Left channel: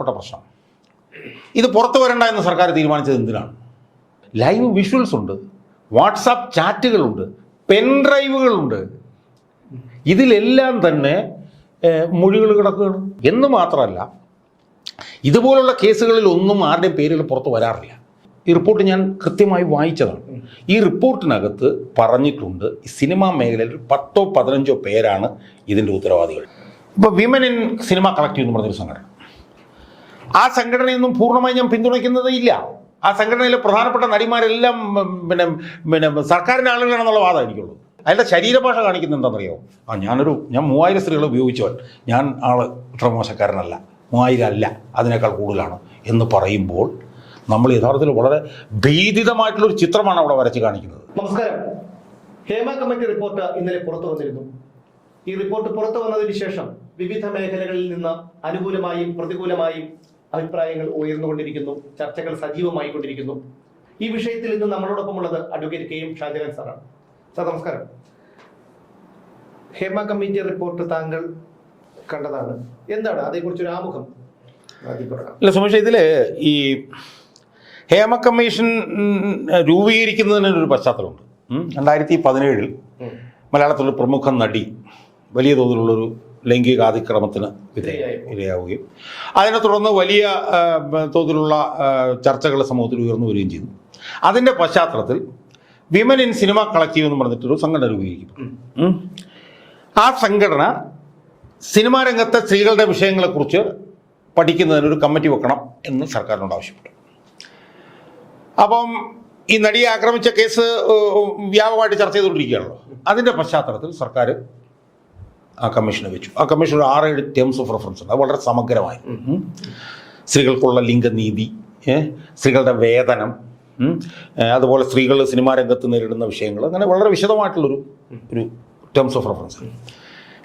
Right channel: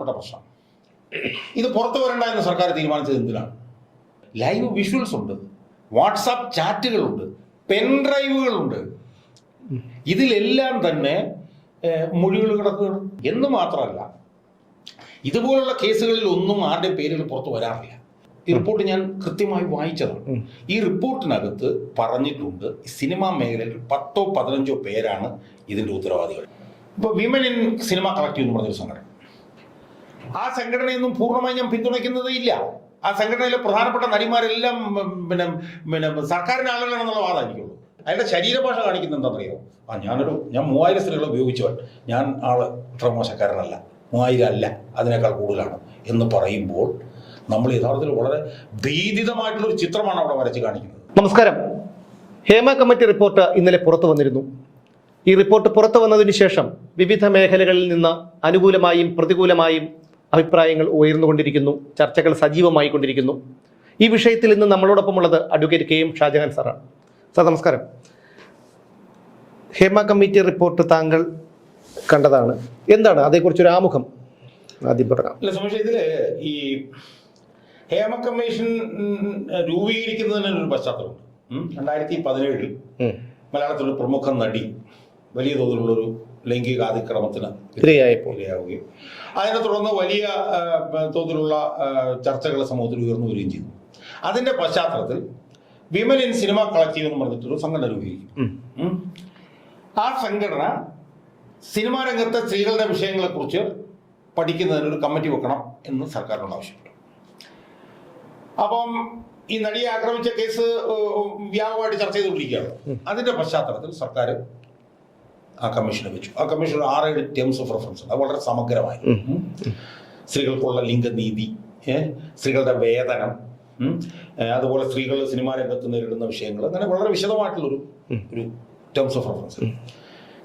പ്രധാനപ്പെട്ട പ്രശ്നം. ഇത് പുറത്തു വരണ്ട എന്ന് സർക്കാർ തീരുമാനിച്ചത് എന്തിനാണ്? ലൈവ് വിഷ്വൽസ് ഉണ്ട് വാട്സാപ്പ് ചാറ്റുകളുണ്ട് പെൻ ഡ്രൈവുകളുണ്ട് ഇതിലെല്ലാം തന്നെ മൊഴികൾ കിടക്കുകയാണ്. എന്ന് മാത്രമല്ല ഇതുപോലുള്ള കേസുകളിൽ ഒന്നും ആരുടെ പേരിൽ പുറത്തു വരാറില്ല. ഈ റിപ്പോർട്ട് ഞാൻ കൃത്യമായി വായിച്ചതാണ്. ഈ റിപ്പോർട്ടിനകത്ത് പറഞ്ഞിട്ടുണ്ട് സിനിമാ മേഖലയിൽ പത്തോ പതിനഞ്ചോ പേരാണ് ഇതിന്റെ ഉത്തരവാദികൾ. ഇപ്പോൾ വിമൻ ഇൻ സിനിമ കളക്റ്റീവ് എന്ന് പറഞ്ഞൊരു സംഘടന. ആ സംഘടനയൊന്നും പൂർണമായി ഞാൻ പിന്തുണയ്ക്കുന്നത് ഇല്ല. ആ സംഘടനയിലെ പ്രധാനപ്പെട്ട നടിമാരെല്ലാം പിന്നെ പിന്നെ സർക്കാരിന്റെ ആളുകളാണെന്നുള്ള വാദം എനിക്കുള്ളൂ ശരീരഭാഷ കാണിക്കുന്നത് എന്താണെന്നറിയോ? ആ ഞാനൊരു ഞാൻ മൂവായിരം സ്ത്രീകളെ ഉപയോഗിച്ചവൻ. ഞാൻ ആൾ ഇത്ര മോശക്കാരനല്ല. മൂവായിരം അല്ല. അതിനേക്കാൾ കൂടുതലാണ് എന്ന് പറയുമ്പോൾ നമ്മൾ യഥാർത്ഥത്തിൽ വളരെ ഭീതിതമായിട്ടുള്ളൊരു ചിത്രമാണ് അവിടെ വരച്ച് കാണിക്കുന്നത്. നമസ്കാരം. ഹേമ കമ്മിറ്റി റിപ്പോർട്ട് ഇന്നലെ പുറത്തു വന്നിരുന്നു. ഈ റിപ്പോർട്ട് പുറത്തു വന്നതിന് ശേഷം വിവിധ മേഖലകളിൽ നിന്ന് അനുകൂലമായും പ്രതികൂലമായും അഭിപ്രായങ്ങൾ ഉയർന്നുകൊണ്ടിരിക്കുന്നു ചർച്ചകൾ സജീവമായി കൊണ്ടിരിക്കുന്നു ഈ വിഷയത്തിൽ ഇന്ന് നമ്മളോടൊപ്പം ഉള്ളത് അഡ്വക്കേറ്റ് കെ എം ഷാജഹാൻ സാറാണ്. സാർ നമസ്കാരം. ഹേമ കമ്മിറ്റി റിപ്പോർട്ട് താങ്കൾ കണ്ടതാണ്. എന്താണ് അതേക്കുറിച്ചൊരു ആമുഖം? ആദ്യം പറയാം അല്ല സുമേഷ് ഇതിൽ ഈ ഹേമ കമ്മീഷൻ രൂപീകരിക്കുന്നതിനൊരു രൂപീകരിക്കുന്നതിന് ഒരു പശ്ചാത്തലമുണ്ട്. രണ്ടായിരത്തി പതിനേഴിൽ. മലയാളത്തിലെ പ്രമുഖ നടി വലിയ തോതിലുള്ളൊരു ലൈംഗികാതിക്രമത്തിന്. ഇരയാവുകയും. അതിനെ തുടർന്ന് വലിയ തോതിലുള്ള ചർച്ചകൾ സമൂഹത്തിൽ ഉയർന്നു വരികയും ചെയ്തു. അതിന്റെ പശ്ചാത്തലത്തിൽ വിമൻ ഇൻ സിനിമ കളക്റ്റീവ് എന്ന് പറഞ്ഞിട്ടൊരു സംഘടന രൂപീകരിക്കും. ആ സംഘടന സിനിമാ രംഗത്തെ സ്ത്രീകളുടെ വിഷയങ്ങളെക്കുറിച്ച് പഠിക്കുന്നതിന് ഒരു കമ്മിറ്റി വെക്കണം എന്ന് സർക്കാരിനോട് ആവശ്യപ്പെട്ടു. അപ്പം ഈ നടിയെ ആക്രമിച്ച കേസ് വ്യാപകമായിട്ട് ചർച്ച ചെയ്തുകൊണ്ടിരിക്കുകയാണല്ലോ അതിന്റെ പശ്ചാത്തലത്തിൽ സർക്കാർ ആ കമ്മീഷനെ വെച്ചു. ആ കമ്മീഷൻ ഒരു ആറേഴ് ടേംസ് ഓഫ് റെഫറൻസ് ഉണ്ട്. അത് വളരെ സമഗ്രമായി. സ്ത്രീകൾക്കുള്ള ലിംഗനീതി സ്ത്രീകളുടെ വേതനം അതുപോലെ സ്ത്രീകൾ സിനിമാ രംഗത്ത് നേരിടുന്ന വിഷയങ്ങൾ അങ്ങനെ വളരെ വിശദമായിട്ടുള്ളൊരു ഒരു ടേംസ് ഓഫ് റെഫറൻസ്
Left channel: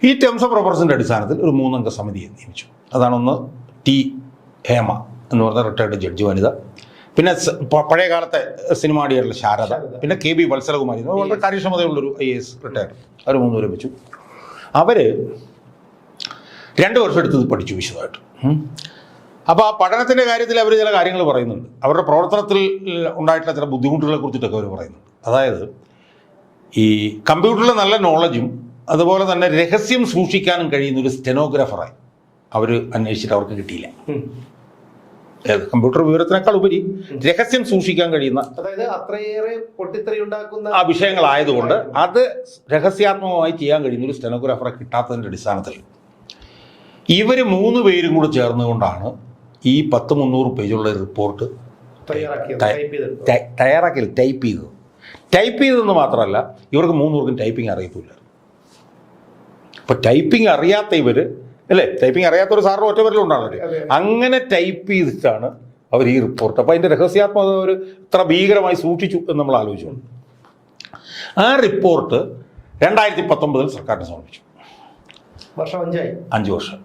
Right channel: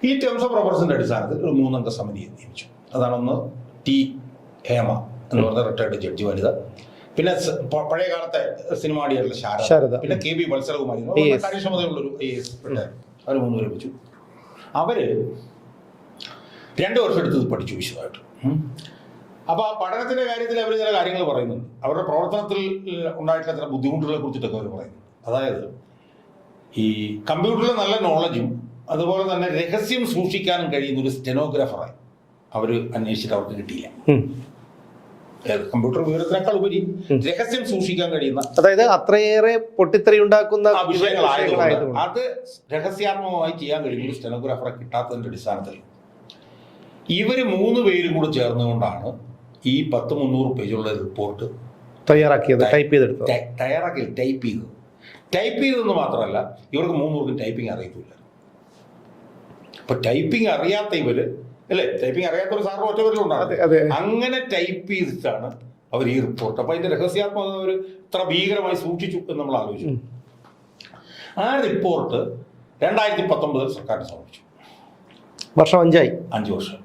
ഈ ടേംസ് ഓഫ് റെഫറൻസിന്റെ അടിസ്ഥാനത്തിൽ ഒരു മൂന്നംഗ സമിതിയെ നിയമിച്ചു. അതാണൊന്ന് ടി ഹേമ എന്ന് പറഞ്ഞ റിട്ടയർഡ് ജഡ്ജി വനിത. പിന്നെ പഴയ കാലത്തെ സിനിമ നടിയായിട്ടുള്ള ശാരദ. പിന്നെ കെ ബി വത്സലകുമാരി. കാര്യക്ഷമതയുള്ളൊരു ഐ എസ് റിട്ടയർഡ് അവർ മൂന്നുപേരെ വെച്ചു. അവർ രണ്ട് വർഷം എടുത്ത് ഇത് പഠിച്ചു വിശദമായിട്ട്. അപ്പൊ അപ്പോൾ ആ പഠനത്തിന്റെ കാര്യത്തിൽ അവർ ചില കാര്യങ്ങൾ പറയുന്നുണ്ട്. അവരുടെ പ്രവർത്തനത്തിൽ ഉണ്ടായിട്ടുള്ള ചില ബുദ്ധിമുട്ടുകളെ കുറിച്ചിട്ടൊക്കെ അവർ പറയുന്നുണ്ട്. അതായത് ഈ കമ്പ്യൂട്ടറിലെ നല്ല നോളജും അതുപോലെ തന്നെ രഹസ്യം സൂക്ഷിക്കാനും കഴിയുന്ന ഒരു സ്റ്റെനോഗ്രാഫറായി അവർ അന്വേഷിച്ചിട്ട് അവർക്ക് കിട്ടിയില്ല. കമ്പ്യൂട്ടർ വിവരത്തിനേക്കാൾ ഉപരി രഹസ്യം സൂക്ഷിക്കാൻ കഴിയുന്ന അതായത് അത്രയേറെ പൊട്ടിത്തെറിയുണ്ടാക്കുന്ന ഉണ്ടാക്കുന്ന വിഷയങ്ങളായതുകൊണ്ട് അത് രഹസ്യാത്മകമായി ചെയ്യാൻ കഴിയുന്ന സ്റ്റെനോഗ്രാഫറെ കിട്ടാത്തതിന്റെ അടിസ്ഥാനത്തിൽ. ഇവർ മൂന്ന് പേരും കൂടെ ചേർന്നുകൊണ്ടാണ് ഈ പത്ത് മുന്നൂറ് പേജുള്ള റിപ്പോർട്ട് തയ്യാറാക്കിയത് ടൈപ്പ് ചെയ്തെടുത്തത്. തയ്യാറാക്കിയത് ടൈപ്പ് ചെയ്തത്. ടൈപ്പ് ചെയ്തതെന്ന് മാത്രമല്ല ഇവർക്ക് മൂന്നൂർക്കും ടൈപ്പിംഗ് അറിയത്തില്ല അപ്പൊ ടൈപ്പിംഗ് അറിയാത്ത ഇവർ അല്ലേ? ടൈപ്പിംഗ് അറിയാത്ത ഒരു സാറിന് ഒറ്റ അതെ, അതെ. ഉണ്ടാകും അങ്ങനെ ടൈപ്പ് ചെയ്തിട്ടാണ് അവർ ഈ റിപ്പോർട്ട് അപ്പൊ അതിന്റെ രഹസ്യാത്മകത അവർ ഇത്ര ഭീകരമായി സൂക്ഷിച്ചു എന്ന് നമ്മൾ ആലോചിച്ചു. ആ റിപ്പോർട്ട് രണ്ടായിരത്തി പത്തൊമ്പതിൽ സർക്കാരിന് സമർപ്പിച്ചു വർഷം അഞ്ചായി. അഞ്ച് വർഷം.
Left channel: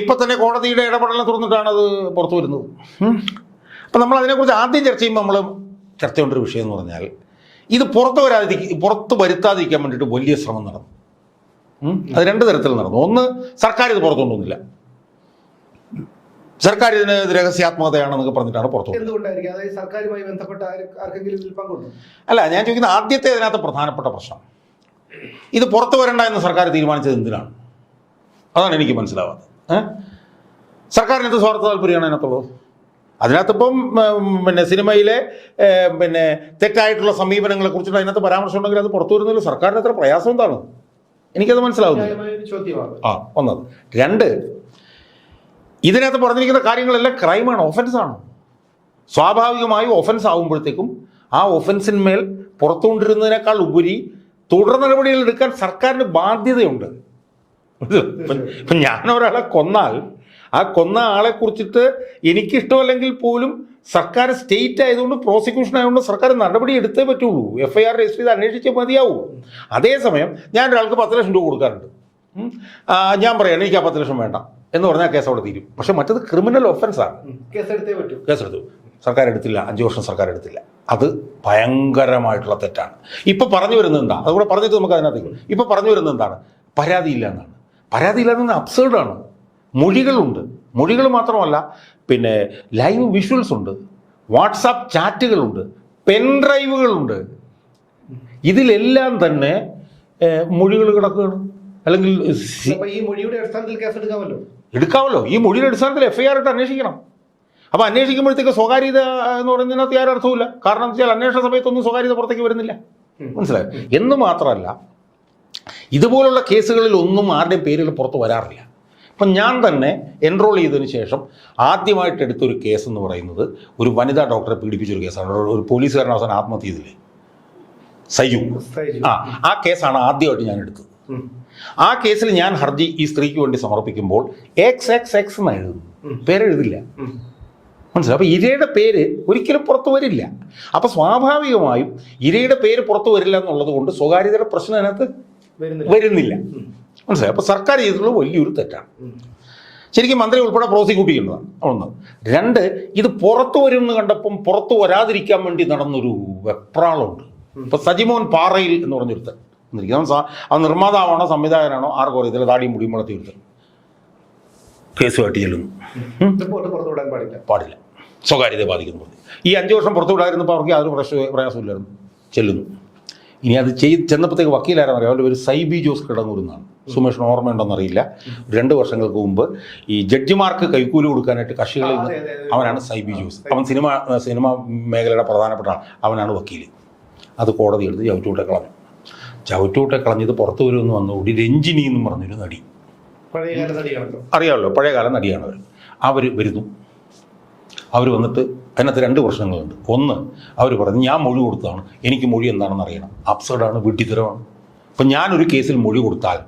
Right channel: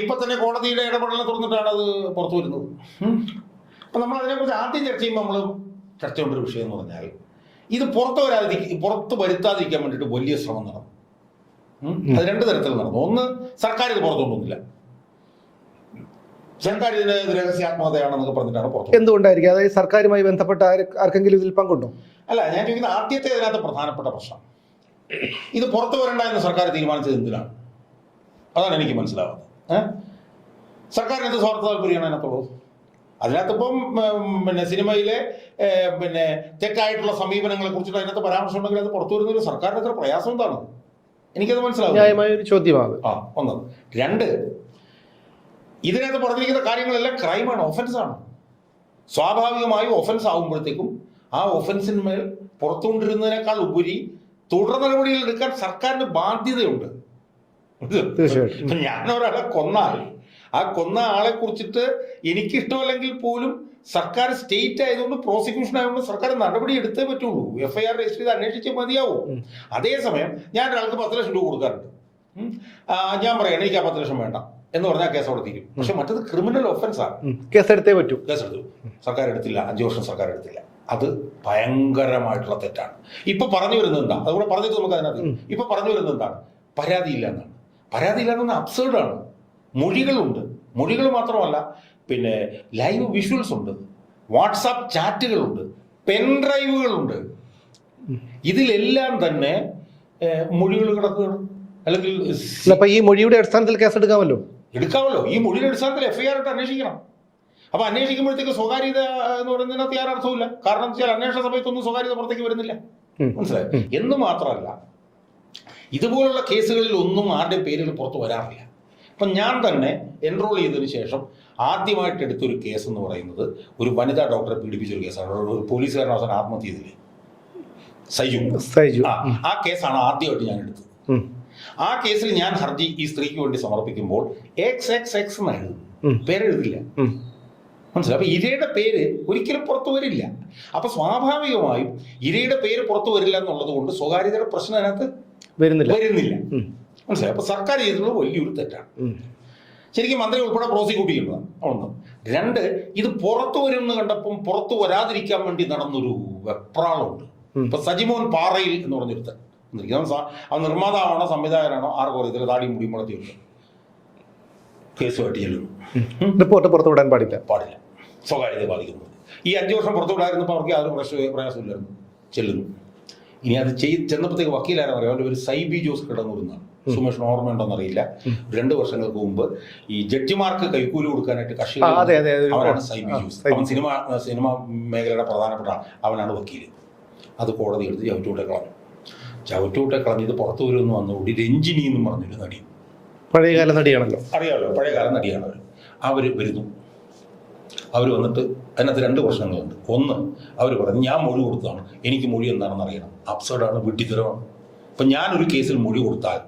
ഇപ്പൊ തന്നെ കോടതിയുടെ ഇടപെടലിനെ തുറന്നിട്ടാണ് അത് പുറത്തു വരുന്നത്. അപ്പൊ നമ്മൾ അതിനെക്കുറിച്ച് ആദ്യം ചർച്ച ചെയ്യുമ്പോൾ നമ്മൾ ചർച്ച ചെയ്യേണ്ട ഒരു വിഷയം എന്ന് പറഞ്ഞാൽ ഇത് പുറത്തു വരാതിരിക്കും പുറത്ത് വരുത്താതിരിക്കാൻ വേണ്ടിയിട്ട് വലിയ ശ്രമം നടന്നു. അത് രണ്ട് തരത്തിൽ നടന്നു. ഒന്ന് സർക്കാർ ഇത് പുറത്തു കൊണ്ടുവന്നില്ല. സർക്കാർ ഇതിന് രഹസ്യാത്മകതയാണെന്നൊക്കെ പറഞ്ഞിട്ടാണ് പുറത്തു. എന്തുകൊണ്ടായിരിക്കും? അതായത് സർക്കാരുമായി ബന്ധപ്പെട്ട ആർക്കെങ്കിലും ഇതിൽ പങ്കുണ്ടോ? അല്ല ഞാൻ ചോദിക്കുന്ന ആദ്യത്തെ ഇതിനകത്ത് പ്രധാനപ്പെട്ട പ്രശ്നം. ഇത് പുറത്തു വരണ്ട എന്ന് സർക്കാർ തീരുമാനിച്ചത് എന്തിനാണ്? അതാണ് എനിക്ക് മനസ്സിലാവാത്തത്? സർക്കാരിന് എന്ത് സ്വാർത്ഥ താല്പര്യമാണ് അതിനകത്തുള്ളത് അതിനകത്തിപ്പം പിന്നെ സിനിമയിലെ പിന്നെ തെറ്റായിട്ടുള്ള സമീപനങ്ങളെ കുറിച്ചിട്ട് അതിനകത്ത് പരാമർശം ഉണ്ടെങ്കിൽ അത് പുറത്തു വരുന്നതിൽ സർക്കാരിന് എത്ര പ്രയാസം എന്താണ്? എനിക്കത് മനസ്സിലാവും ന്യായമായ ഒരു ചോദ്യമാണ്. ആ ഒന്നത് രണ്ട് ഇതിനകത്ത് പറഞ്ഞിരിക്കുന്ന കാര്യങ്ങളെല്ലാം ക്രൈമാണ് ഒഫൻസാണ്. സ്വാഭാവികമായും ഒഫൻസ് ആകുമ്പോഴത്തേക്കും ആ ഒഫൻസിന്മേൽ പുറത്തുകൊണ്ടിരുന്നതിനേക്കാൾ ഉപരി തുടർ നടപടികൾ എടുക്കാൻ സർക്കാരിന് ബാധ്യതയുണ്ട്. ഞാൻ ഒരാളെ കൊന്നാൽ ആ കൊന്ന ആളെ കുറിച്ചിട്ട് എനിക്കിഷ്ടമല്ലെങ്കിൽ പോലും സർക്കാർ സ്റ്റേറ്റ് ആയതുകൊണ്ട് പ്രോസിക്യൂഷൻ ആയതുകൊണ്ട് സർക്കാർ നടപടി എടുത്തേ പറ്റുള്ളൂ. എഫ് ഐ ആർ രജിസ്റ്റർ ചെയ്ത് അന്വേഷിച്ചേ മതിയാവൂ. അതേസമയം ഞാൻ ഒരാൾക്ക് പത്ത് ലക്ഷം രൂപ കൊടുക്കാറുണ്ട്. ഞാൻ പറയാണ് എനിക്ക് ആ പത്ത് ലക്ഷം വേണ്ട എന്ന് പറഞ്ഞാൽ കേസ് അവിടെ തീരും. പക്ഷെ മറ്റത് ക്രിമിനൽ ഒഫൻസാണ് കേസ് കേസെടുത്തേ പറ്റൂ. കേസെടുത്തു സർക്കാർ എടുത്തില്ല. അഞ്ച് വർഷം സർക്കാർ എടുത്തില്ല. അത് ഭയങ്കരമായിട്ടുള്ള തെറ്റാണ്. ഇപ്പൊ പറഞ്ഞു വരുന്നത് എന്താ? അതുകൂടെ പറഞ്ഞിട്ട് നമുക്ക് അതിനകത്ത് ഇപ്പൊ പറഞ്ഞു വരുന്നത് എന്താണ്? പരാതിയില്ല എന്നാണ്. പരാതിയില്ല എന്ന് അബ്സേർഡാണ് മൊഴികളുണ്ട്. മൊഴികൾ മാത്രമല്ല പിന്നെ ലൈവ് വിഷ്വൽസ് ഉണ്ട് വാട്സാപ്പ് ചാറ്റുകളുണ്ട് പെൻഡ്രൈവുകളുണ്ട് ഇതിലെല്ലാം തന്നെ മൊഴികൾ കിടക്കുകയാണ്. അല്ലെങ്കിൽ അല്ല, അപ്പൊ ഈ മൊഴിയുടെ അടിസ്ഥാനത്തിൽ കേസ് എടുക്കാമല്ലോ? എടുക്കാമല്ലോ. ഈ മൊഴിയുടെ അടിസ്ഥാനത്തിൽ എഫ്ഐആർ ഇട്ട് അന്വേഷിക്കണം. അപ്പൊ അന്വേഷിക്കുമ്പോഴത്തേക്ക് സ്വകാര്യത എന്ന് പറയുന്നതിനകത്ത് യാതൊരു അർത്ഥവുമില്ല. കാരണം വെച്ചാൽ അന്വേഷണ സമയത്തൊന്നും സ്വകാര്യത പുറത്തേക്ക് വരുന്നില്ല. മനസ്സിലായി? എന്ന് മാത്രമല്ല ഇതുപോലുള്ള കേസുകളിൽ ഒന്നും ആരുടെ പേരിൽ പുറത്ത് വരാറില്ല. അപ്പം ഞാൻ തന്നെ എൻറോൾ ചെയ്തതിന് ശേഷം ആദ്യമായിട്ട് എടുത്തൊരു കേസ് എന്ന് പറയുന്നത് ഒരു വനിതാ ഡോക്ടറെ പീഡിപ്പിച്ചൊരു കേസാണ് ഒരു പോലീസുകാരൻ അവസാനം ആത്മഹത്യ ചെയ്തില്ലേ സൈജു. സൈജു. ആ ആ കേസാണ് ആദ്യമായിട്ട് ഞാൻ എടുത്തത്. ആ കേസിൽ ഞാൻ ഹർജി ഈ സ്ത്രീക്ക് വേണ്ടി സമർപ്പിക്കുമ്പോൾ എക്സ് എക്സ് എക്സ് എന്ന് എഴുതും ഉം. പേരെഴുതില്ല. മനസ്സിലായി? അപ്പോൾ ഇരയുടെ പേര് ഒരിക്കലും പുറത്തു വരില്ല. അപ്പോൾ സ്വാഭാവികമായും ഇരയുടെ പേര് പുറത്തു വരില്ല എന്നുള്ളത് കൊണ്ട് സ്വകാര്യതയുടെ പ്രശ്നം അതിനകത്ത് വരുന്നില്ല. വരുന്നില്ല. മനസ്സിലായി? അപ്പൊ സർക്കാർ ചെയ്തിട്ടുള്ള വലിയൊരു തെറ്റാണ്. ശരിക്കും മന്ത്രി ഉൾപ്പെടെ പ്രോസിക്യൂട്ട് ചെയ്യുന്നതാണ് ഒന്ന് രണ്ട് ഇത് പുറത്തു വരും എന്ന് കണ്ടപ്പം പുറത്തു വരാതിരിക്കാൻ വേണ്ടി നടന്നൊരു വെപ്രാളമുണ്ട്. ഇപ്പൊ സജിമോൻ പാറയിൽ എന്ന് പറഞ്ഞൊരുത്തൻ. അവൻ അവൻ നിർമ്മാതാവാണോ സംവിധായകനാണോ ആർക്കും അറിയത്തില്ല. താടിയും മുടിയും വളർത്തിയിട്ട് കേസുമായിട്ട് ചെല്ലുന്നു. റിപ്പോർട്ട് പുറത്തുവിടാൻ പാടില്ല. പാടില്ല. സ്വകാര്യത ബാധിക്കുന്നു. ഈ അഞ്ച് വർഷം പുറത്തു വിടാതിരുന്നപ്പോൾ അവർക്ക് യാതൊരു പ്രശ്ന പ്രയാസമില്ലായിരുന്നു ചെല്ലുന്നു. ഇനി അത് ചെയ്ത് ചെന്നപ്പോഴത്തേക്ക് വക്കീലാരെന്ന് അറിയാം. ഒരു സൈബി ജോസ് കിടങ്ങൂരുന്നാണ് സുമേഷിന് ഓർമ്മ അറിയില്ല. രണ്ട് വർഷങ്ങൾക്ക് മുമ്പ് ഈ ജഡ്ജിമാർക്ക് കൈക്കൂലി കൊടുക്കാനായിട്ട് കർഷകർ. അവനാണ് സൈബി ജോസ്. അവൻ സിനിമ സിനിമ മേഖലയുടെ പ്രധാനപ്പെട്ട അവനാണ് വക്കീൽ. അത് കോടതി എടുത്ത് ചവിറ്റൂട്ടെ കളഞ്ഞു. ചവിറ്റൂട്ടെ കളഞ്ഞത് പുറത്തു വരുമെന്ന് വന്നുകൂടി രഞ്ജിനി എന്ന് പറഞ്ഞൊരു നടി. പഴയകാല നടിയാണല്ലോ. അറിയാമല്ലോ പഴയകാല നടിയാണ് അവർ അവർ വരുന്നു. അവർ വന്നിട്ട് അതിനകത്ത് രണ്ട് പ്രശ്നങ്ങളുണ്ട്. ഒന്ന് അവർ പറഞ്ഞു ഞാൻ മൊഴി കൊടുത്തതാണ്. എനിക്ക് മൊഴി എന്താണെന്ന് അറിയണം. അപ്സഡാണ് വിഡ്ഢിത്തരമാണ് അപ്പം ഞാനൊരു കേസിൽ മൊഴി കൊടുത്താൽ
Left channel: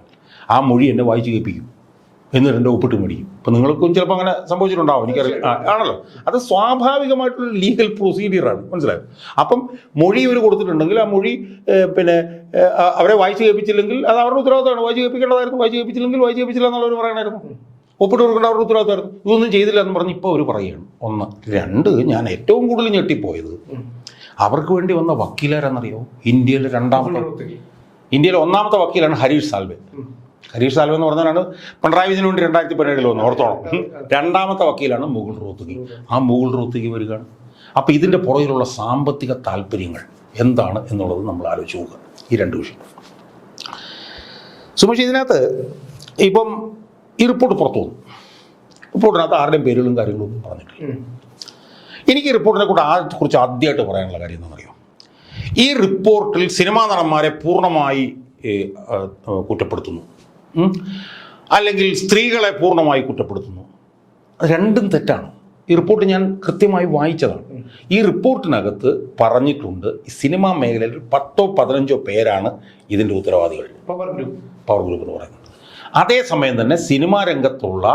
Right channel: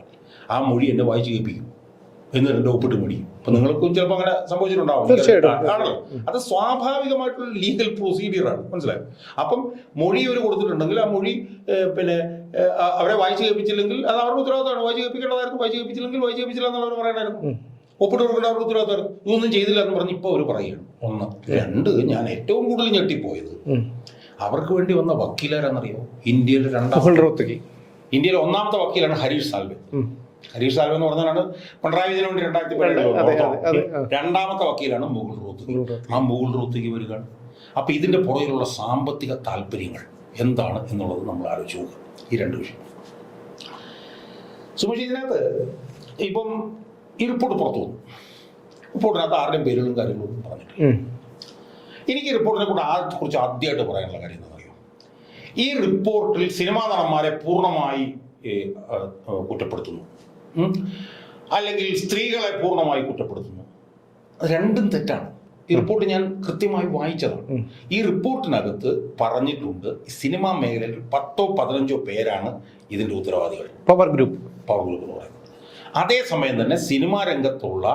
ആ മൊഴി എന്നെ വായിച്ചു കേൾപ്പിക്കും. എന്നിട്ട് എന്റെ ഒപ്പിട്ട് മേടിക്കും. അപ്പം നിങ്ങൾക്കും ചിലപ്പോൾ അങ്ങനെ സംഭവിച്ചിട്ടുണ്ടാവും. ആണല്ലോ. അത് സ്വാഭാവികമായിട്ടുള്ള ലീഗൽ പ്രൊസീജിയറാണ് മനസ്സിലായോ? അപ്പം മൊഴി ഇവർ കൊടുത്തിട്ടുണ്ടെങ്കിൽ ആ മൊഴി പിന്നെ അവരെ വായിച്ചു കേൾപ്പിച്ചില്ലെങ്കിൽ അത് അവരുടെ ഉത്തരവാദിത്തമാണ്. വായിച്ചു കേൾപ്പിക്കേണ്ടതായിരുന്നു. വായിച്ചു കേൾപ്പിച്ചില്ലെങ്കിൽ വായിച്ചു കേൾപ്പിച്ചില്ല എന്നുള്ളവർ പറയണമായിരുന്നു ഒപ്പിട്ട് കൊടുക്കേണ്ട അവരുടെ ഉത്തരവാദിത്തമായിരുന്നു ഇതൊന്നും ചെയ്തില്ല എന്ന് പറഞ്ഞ് ഇപ്പോൾ അവർ പറയുകയാണ്. ഒന്ന് രണ്ട് ഞാൻ ഏറ്റവും കൂടുതൽ ഞെട്ടിപ്പോയത് അവർക്ക് വേണ്ടി വന്ന വക്കീലാരെന്നറിയോ ഇന്ത്യയിലെ രണ്ടാമത്തെ ഇന്ത്യയിലെ ഒന്നാമത്തെ വക്കീലാണ് ഹരീഷ് സാൽവെ. ഹരീഷ് സാൽവെ എന്ന് പറഞ്ഞാണ് പിണറായി വിജയന് വേണ്ടി രണ്ടായിരത്തി പതിനേഴിൽ വന്നു ഓർത്തോളം. രണ്ടാമത്തെ വക്കീലാണ് മുകുൾ റോത്തുകി. ആ മുകുൾ റോത്തുകി വരികയാണ്. അപ്പോൾ ഇതിന്റെ പുറകിലുള്ള സാമ്പത്തിക താല്പര്യങ്ങൾ എന്താണ് എന്നുള്ളത് നമ്മൾ ആലോചിച്ച് നോക്കുക. ഈ രണ്ട് വിഷയം. സുമേഷ് ഇതിനകത്ത് ഇപ്പം ഈ റിപ്പോർട്ട് പുറത്തു വന്നു. റിപ്പോർട്ടിനകത്ത് ആരുടെയും പേരുകളും കാര്യങ്ങളും ഒന്നും പറഞ്ഞിട്ടില്ല. എനിക്ക് ഈ റിപ്പോർട്ടിനെ കൂടെ ആ കുറിച്ച് ആദ്യമായിട്ട് പറയാനുള്ള കാര്യം എന്താണെന്നറിയോ? ഈ റിപ്പോർട്ടിൽ സിനിമാ നടന്മാരെ പൂർണമായി കുറ്റപ്പെടുത്തുന്നു. അല്ലെങ്കിൽ സ്ത്രീകളെ പൂർണമായി കുറ്റപ്പെടുത്തുന്നു. രണ്ടും തെറ്റാണ്. ഈ റിപ്പോർട്ട് ഞാൻ കൃത്യമായി വായിച്ചതാണ്. ഈ റിപ്പോർട്ടിനകത്ത് പറഞ്ഞിട്ടുണ്ട് ഈ സിനിമാ മേഖലയിൽ പത്തോ പതിനഞ്ചോ പേരാണ് ഇതിന്റെ ഉത്തരവാദികൾ. Power group. പവർ ഗ്രൂപ്പ് എന്ന് പറയുന്നത്. അതേസമയം തന്നെ സിനിമാ രംഗത്തുള്ള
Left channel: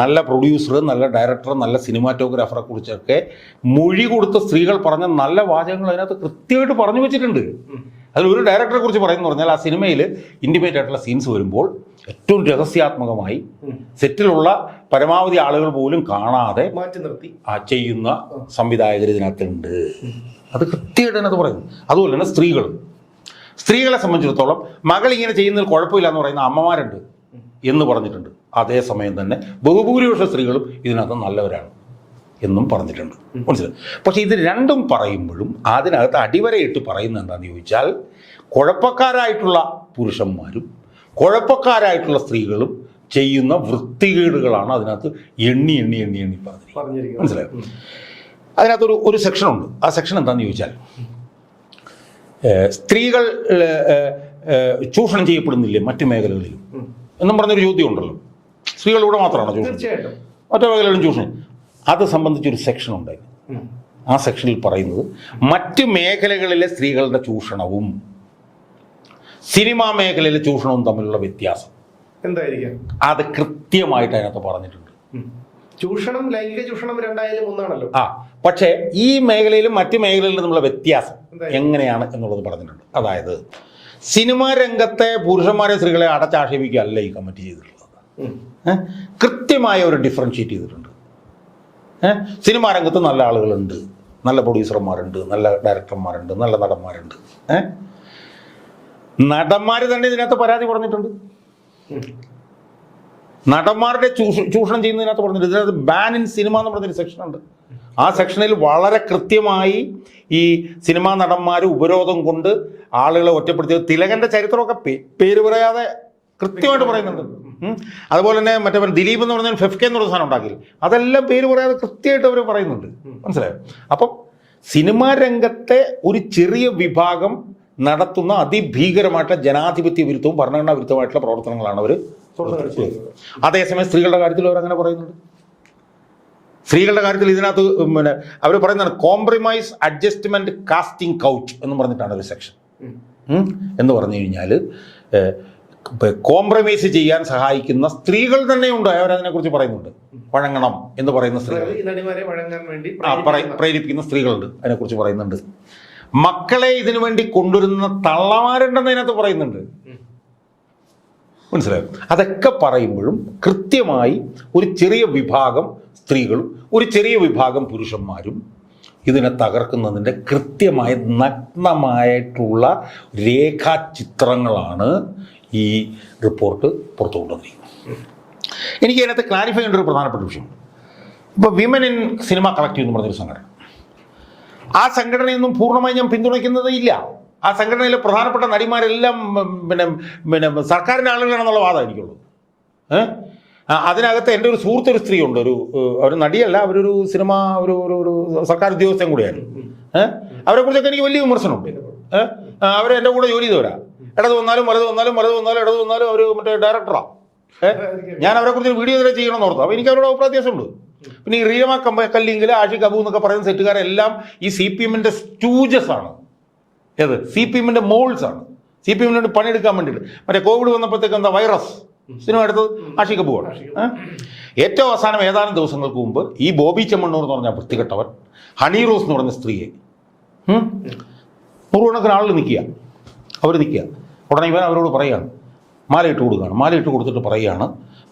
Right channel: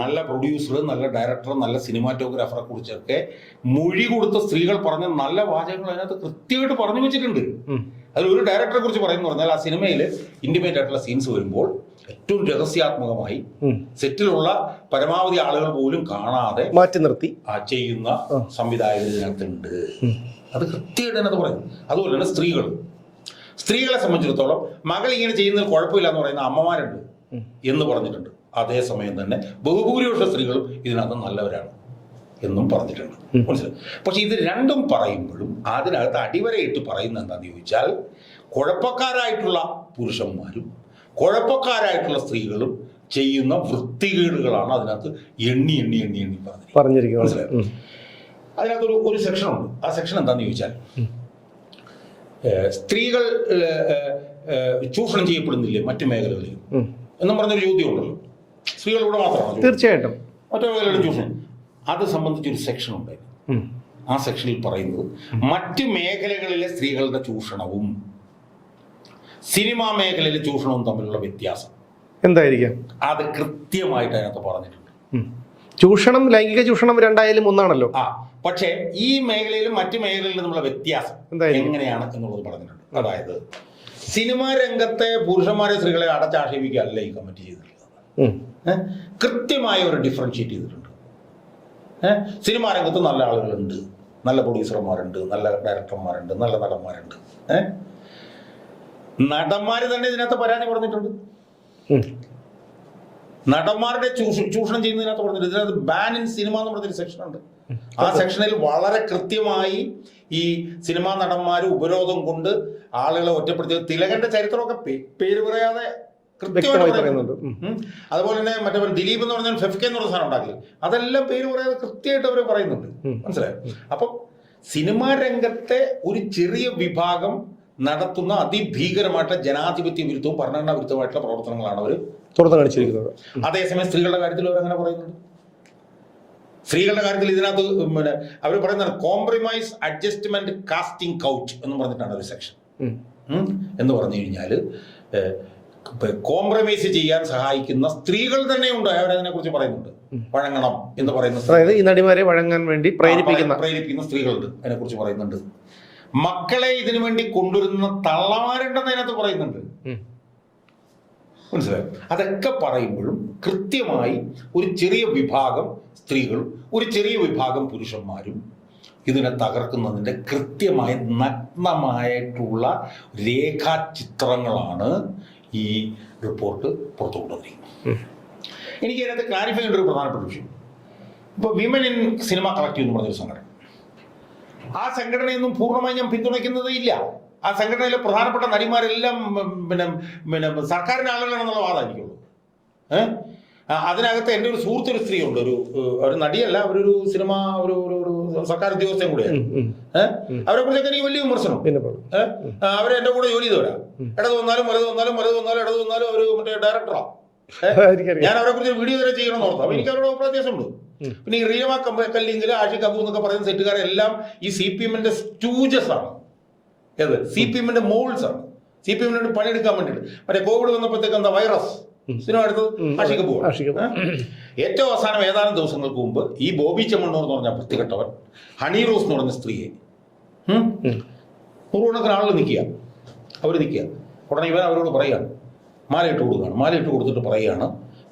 നല്ല പ്രൊഡ്യൂസർ നല്ല ഡയറക്ടർ നല്ല സിനിമാറ്റോഗ്രാഫറെ കുറിച്ചൊക്കെ മൊഴി കൊടുത്ത സ്ത്രീകൾ പറഞ്ഞ നല്ല വാചകങ്ങൾ അതിനകത്ത് കൃത്യമായിട്ട് പറഞ്ഞു വെച്ചിട്ടുണ്ട്. അതിൽ ഒരു ഡയറക്ടറെ കുറിച്ച് പറയുന്നു പറഞ്ഞാൽ ആ സിനിമയിൽ ഇൻഡിപെൻഡന്റ് ആയിട്ടുള്ള സീൻസ് വരുമ്പോൾ ഏറ്റവും രഹസ്യാത്മകമായി. സെറ്റിലുള്ള പരമാവധി ആളുകൾ പോലും കാണാതെ മാറ്റി നിർത്തി. ആ ചെയ്യുന്ന സംവിധായകർ ഇതിനകത്തുണ്ട്. അത് കൃത്യമായിട്ട് തന്നെ അത് പറയുന്നു. അതുപോലെ തന്നെ സ്ത്രീകൾ സ്ത്രീകളെ സംബന്ധിച്ചിടത്തോളം മകൾ ഇങ്ങനെ ചെയ്യുന്നതിൽ കുഴപ്പമില്ല എന്ന് പറയുന്ന അമ്മമാരുണ്ട് എന്ന് പറഞ്ഞിട്ടുണ്ട്. അതേസമയം തന്നെ ബഹുഭൂരിപക്ഷ സ്ത്രീകളും ഇതിനകത്ത് നല്ലവരാണ് എന്നും പറഞ്ഞിട്ടുണ്ട്. മനസ്സിലായി? പക്ഷെ ഇത് രണ്ടും പറയുമ്പോഴും അതിനകത്ത് അടിവരയിട്ട് പറയുന്നത് എന്താണെന്ന് ചോദിച്ചാൽ കുഴപ്പക്കാരായിട്ടുള്ള പുരുഷന്മാരും കുഴപ്പക്കാരായിട്ടുള്ള സ്ത്രീകളും ചെയ്യുന്ന വൃത്തികേടുകളാണ് അതിനകത്ത് എണ്ണി എണ്ണി എണ്ണി എണ്ണി പറഞ്ഞിരിക്കുന്നത്. മനസ്സിലായി? അതിനകത്തൊരു ഒരു സെക്ഷൻ ഉണ്ട്. ആ സെക്ഷൻ എന്താണെന്ന് ചോദിച്ചാൽ സ്ത്രീകൾ ചൂഷണം ചെയ്യപ്പെടുന്നില്ല മറ്റു മേഖലകളിൽ. എന്നും പറഞ്ഞൊരു ചോദ്യം ഉണ്ടല്ലോ. സ്ത്രീകളിലൂടെ മാത്രമാണ്? തീർച്ചയായിട്ടും. മറ്റു മേഖലകളിലും ചൂഷണം. അത് സംബന്ധിച്ചൊരു സെക്ഷൻ ഉണ്ടായിരുന്നു. ആ സെക്ഷനിൽ പറയുന്നത് മറ്റ് മേഖലകളിലെ സ്ത്രീകളുടെ ചൂഷണവും സിനിമാ മേഖലയിലെ ചൂഷണവും തമ്മിലുള്ള വ്യത്യാസം. എന്തായിരിക്കും? അത് കൃത്യമായിട്ട് അതിനകത്ത് പറഞ്ഞിട്ടുണ്ട്. ചൂഷണം ലൈംഗിക ചൂഷണം രണ്ടായാലും ഒന്നാണല്ലോ. ആ പക്ഷേ ഈ മേഖലയിലും മറ്റു മേഖലയിലും തമ്മിലുള്ള വ്യത്യാസം? എങ്ങനെയാണ് എന്നുള്ളത് പറഞ്ഞിട്ടുണ്ട്. അതായത് സിനിമാ രംഗത്തെ പുരുഷന്മാരെ സ്ത്രീകളെ അടച്ചാക്ഷേപിക്കുകയല്ല ഈ കമ്മിറ്റി ചെയ്തിട്ടുള്ളത്? കൃത്യമായ ഒരു ഡിഫറൻഷിയേറ്റ് ചെയ്തിട്ടുണ്ട്? സിനിമാ രംഗത്ത് നല്ല ആളുകളുണ്ട്. നല്ല പ്രൊഡ്യൂസർമാരുണ്ട് നല്ല ഡയറക്ടർമാരുണ്ട് നല്ല നടന്മാരുണ്ട്. നടന്മാർ തന്നെ ഇതിനകത്ത് പരാതി പറഞ്ഞിട്ടുണ്ട്. നടന്മാരുടെ ചൂഷ- ചൂഷണം ചെയ്യുന്നതിനകത്ത് പറഞ്ഞിട്ടുണ്ട്. ഇതിനകത്ത് ബാൻ ഇൻ സിനിമ എന്ന് പറഞ്ഞൊരു സെക്ഷൻ ഉണ്ട്. ആ സെക്ഷനിൽ വളരെ കൃത്യമായി ഈ സിനിമാ നടന്മാർ ഉപരോധം കൊണ്ട് ആളുകളെ ഒറ്റപ്പെടുത്തിയത്. തിലകന്റെ ചരിത്രമൊക്കെ പേര് പറയാതെ കൃത്യമായിട്ട് പറയുന്നുണ്ട്. അതുപോലെ തന്നെ മറ്റേ ദിലീപ് എന്ന് പറഞ്ഞാൽ ഫെഫ്കെ എന്ന് പറഞ്ഞ സാധനം ഉണ്ടാക്കി അതെല്ലാം പേര് പറയാതെ കൃത്യമായിട്ട് അവർ പറയുന്നുണ്ട്. മനസ്സിലായോ? അപ്പം സിനിമാ രംഗത്തെ ഒരു ചെറിയ വിഭാഗം നടത്തുന്ന അതിഭീകരമായിട്ടുള്ള ജനാധിപത്യ വിരുദ്ധവും ഭരണഘടനാ വിരുദ്ധമായിട്ടുള്ള പ്രവർത്തനങ്ങളാണ് അവർ തുടർന്ന് കാണിച്ചിരിക്കുന്നത്. അതേസമയം സ്ത്രീകളുടെ കാര്യത്തിൽ അവർ അങ്ങനെ പറയുന്നുണ്ട്. സ്ത്രീകളുടെ കാര്യത്തിൽ ഇതിനകത്ത് പിന്നെ അവർ പറയുന്നതാണ് കോംപ്രമൈസ് അഡ്ജസ്റ്റ്മെന്റ് കാസ്റ്റിംഗ് കൗച്ച് എന്ന് പറഞ്ഞിട്ടാണ് ഒരു സെക്ഷൻ എന്ന് പറഞ്ഞു കഴിഞ്ഞാൽ കോംപ്രമൈസ് ചെയ്യാൻ സഹായിക്കുന്ന സ്ത്രീകൾ തന്നെയുണ്ട് അവരതിനെ കുറിച്ച് പറയുന്നുണ്ട്. വഴങ്ങണം എന്ന് പറയുന്ന. അതായത് ഈ നടിമാരെ വഴങ്ങാൻ വേണ്ടി പ്രേരിപ്പിക്കുന്ന സ്ത്രീകളുണ്ട്. അതിനെ കുറിച്ച് പറയുന്നുണ്ട്. മക്കളെ ഇതിനു വേണ്ടി കൊണ്ടുവരുന്ന തള്ളമാരുണ്ടെന്ന് അതിനകത്ത് പറയുന്നുണ്ട്. മനസ്സിലായോ? അതൊക്കെ പറയുമ്പോഴും കൃത്യമായി ഒരു ചെറിയ വിഭാഗം സ്ത്രീകളും ഒരു ചെറിയ വിഭാഗം പുരുഷന്മാരും ഇതിനെ തകർക്കുന്നതിന്റെ കൃത്യമായ നഗ്നമായിട്ടുള്ള രേഖാചിത്രങ്ങളാണ് ഈ റിപ്പോർട്ട് പുറത്തു കൊണ്ടുവന്നിരിക്കുന്നത്. എനിക്ക് അതിനകത്ത് ക്ലാരിഫൈ ചെയ്യേണ്ട ഒരു പ്രധാനപ്പെട്ട വിഷയം. ഇപ്പോൾ വിമൻ ഇൻ സിനിമ കളക്റ്റീവ് എന്ന് പറഞ്ഞൊരു സംഘടന. ആ സംഘടനയൊന്നും പൂർണമായും ഞാൻ പിന്തുണയ്ക്കുന്നതേ ഇല്ല. ആ സംഘടനയിലെ പ്രധാനപ്പെട്ട നടിമാരെല്ലാം പിന്നെ പിന്നെ സർക്കാരിന്റെ ആളുകളാണെന്നുള്ള വാദമായിരിക്കുള്ളൂ ഏഹ് അതിനകത്ത് എന്റെ ഒരു സുഹൃത്ത് ഒരു സ്ത്രീ ഉണ്ട് ഒരു ഒരു നടിയല്ല അവരൊരു സിനിമ ഒരു ഒരു ഒരു സർക്കാർ ഉദ്യോഗസ്ഥൻ കൂടിയാണ്. ഏഹ് അവരെ കുറിച്ചൊക്കെ എനിക്ക് വലിയ വിമർശനം. ഏഹ് അവർ എന്റെ കൂടെ ജോലി ചെയ്തവരാ ഇടത് വന്നാലും വലത് വന്നാലും വലത് വന്നാലും ഇടത് വന്നാലും അവർ മറ്റേ ഡയറക്ടറാ ഞാൻ അവരെ കുറിച്ച് വീഡിയോ ഇതുവരെ ചെയ്യണമെന്ന് ഓർത്തു. അപ്പൊ എനിക്ക് അവരോട് അഭിപ്രായ ഉണ്ട് പിന്നെ ഈ റീമ കമ്പ കല്ലിങ്കിൽ ആഷിഖ് അബു എന്നൊക്കെ പറയുന്ന സെറ്റുകാരെല്ലാം ഈ സി പി എമ്മിന്റെ സ്റ്റൂജസ് ആണ്. ഏത്? സി പി എമ്മിന്റെ മോൾസ് ആണ് സി പി എമ്മിന് വേണ്ടി പണിയെടുക്കാൻ വേണ്ടിയിട്ട്. മറ്റേ കോവിഡ് വന്നപ്പോഴത്തേക്ക് എന്താ വൈറസ്? സിനിമ എടുത്തത് ആഷിഖ് പോവാണ്? ഏറ്റവും അവസാനം ഏതാനും ദിവസങ്ങൾക്ക് മുമ്പ് ഈ ബോബി ചെമ്മണ്ണൂർ എന്ന് പറഞ്ഞ വൃത്തികെട്ടവൻ ഹണി റോസ് എന്ന് പറഞ്ഞ സ്ത്രീയെ പൂർവണക്കിന്. നൂറുകണക്കിന് ആളുകൾ നിൽക്കുക. അവർ നിൽക്കുക. ഉടനെ ഇവൻ അവരോട് പറയുകയാണ്. മാല ഇട്ട് കൊടുക്കുകയാണ്. മാല ഇട്ട് കൊടുത്തിട്ട് പറയുകയാണ്.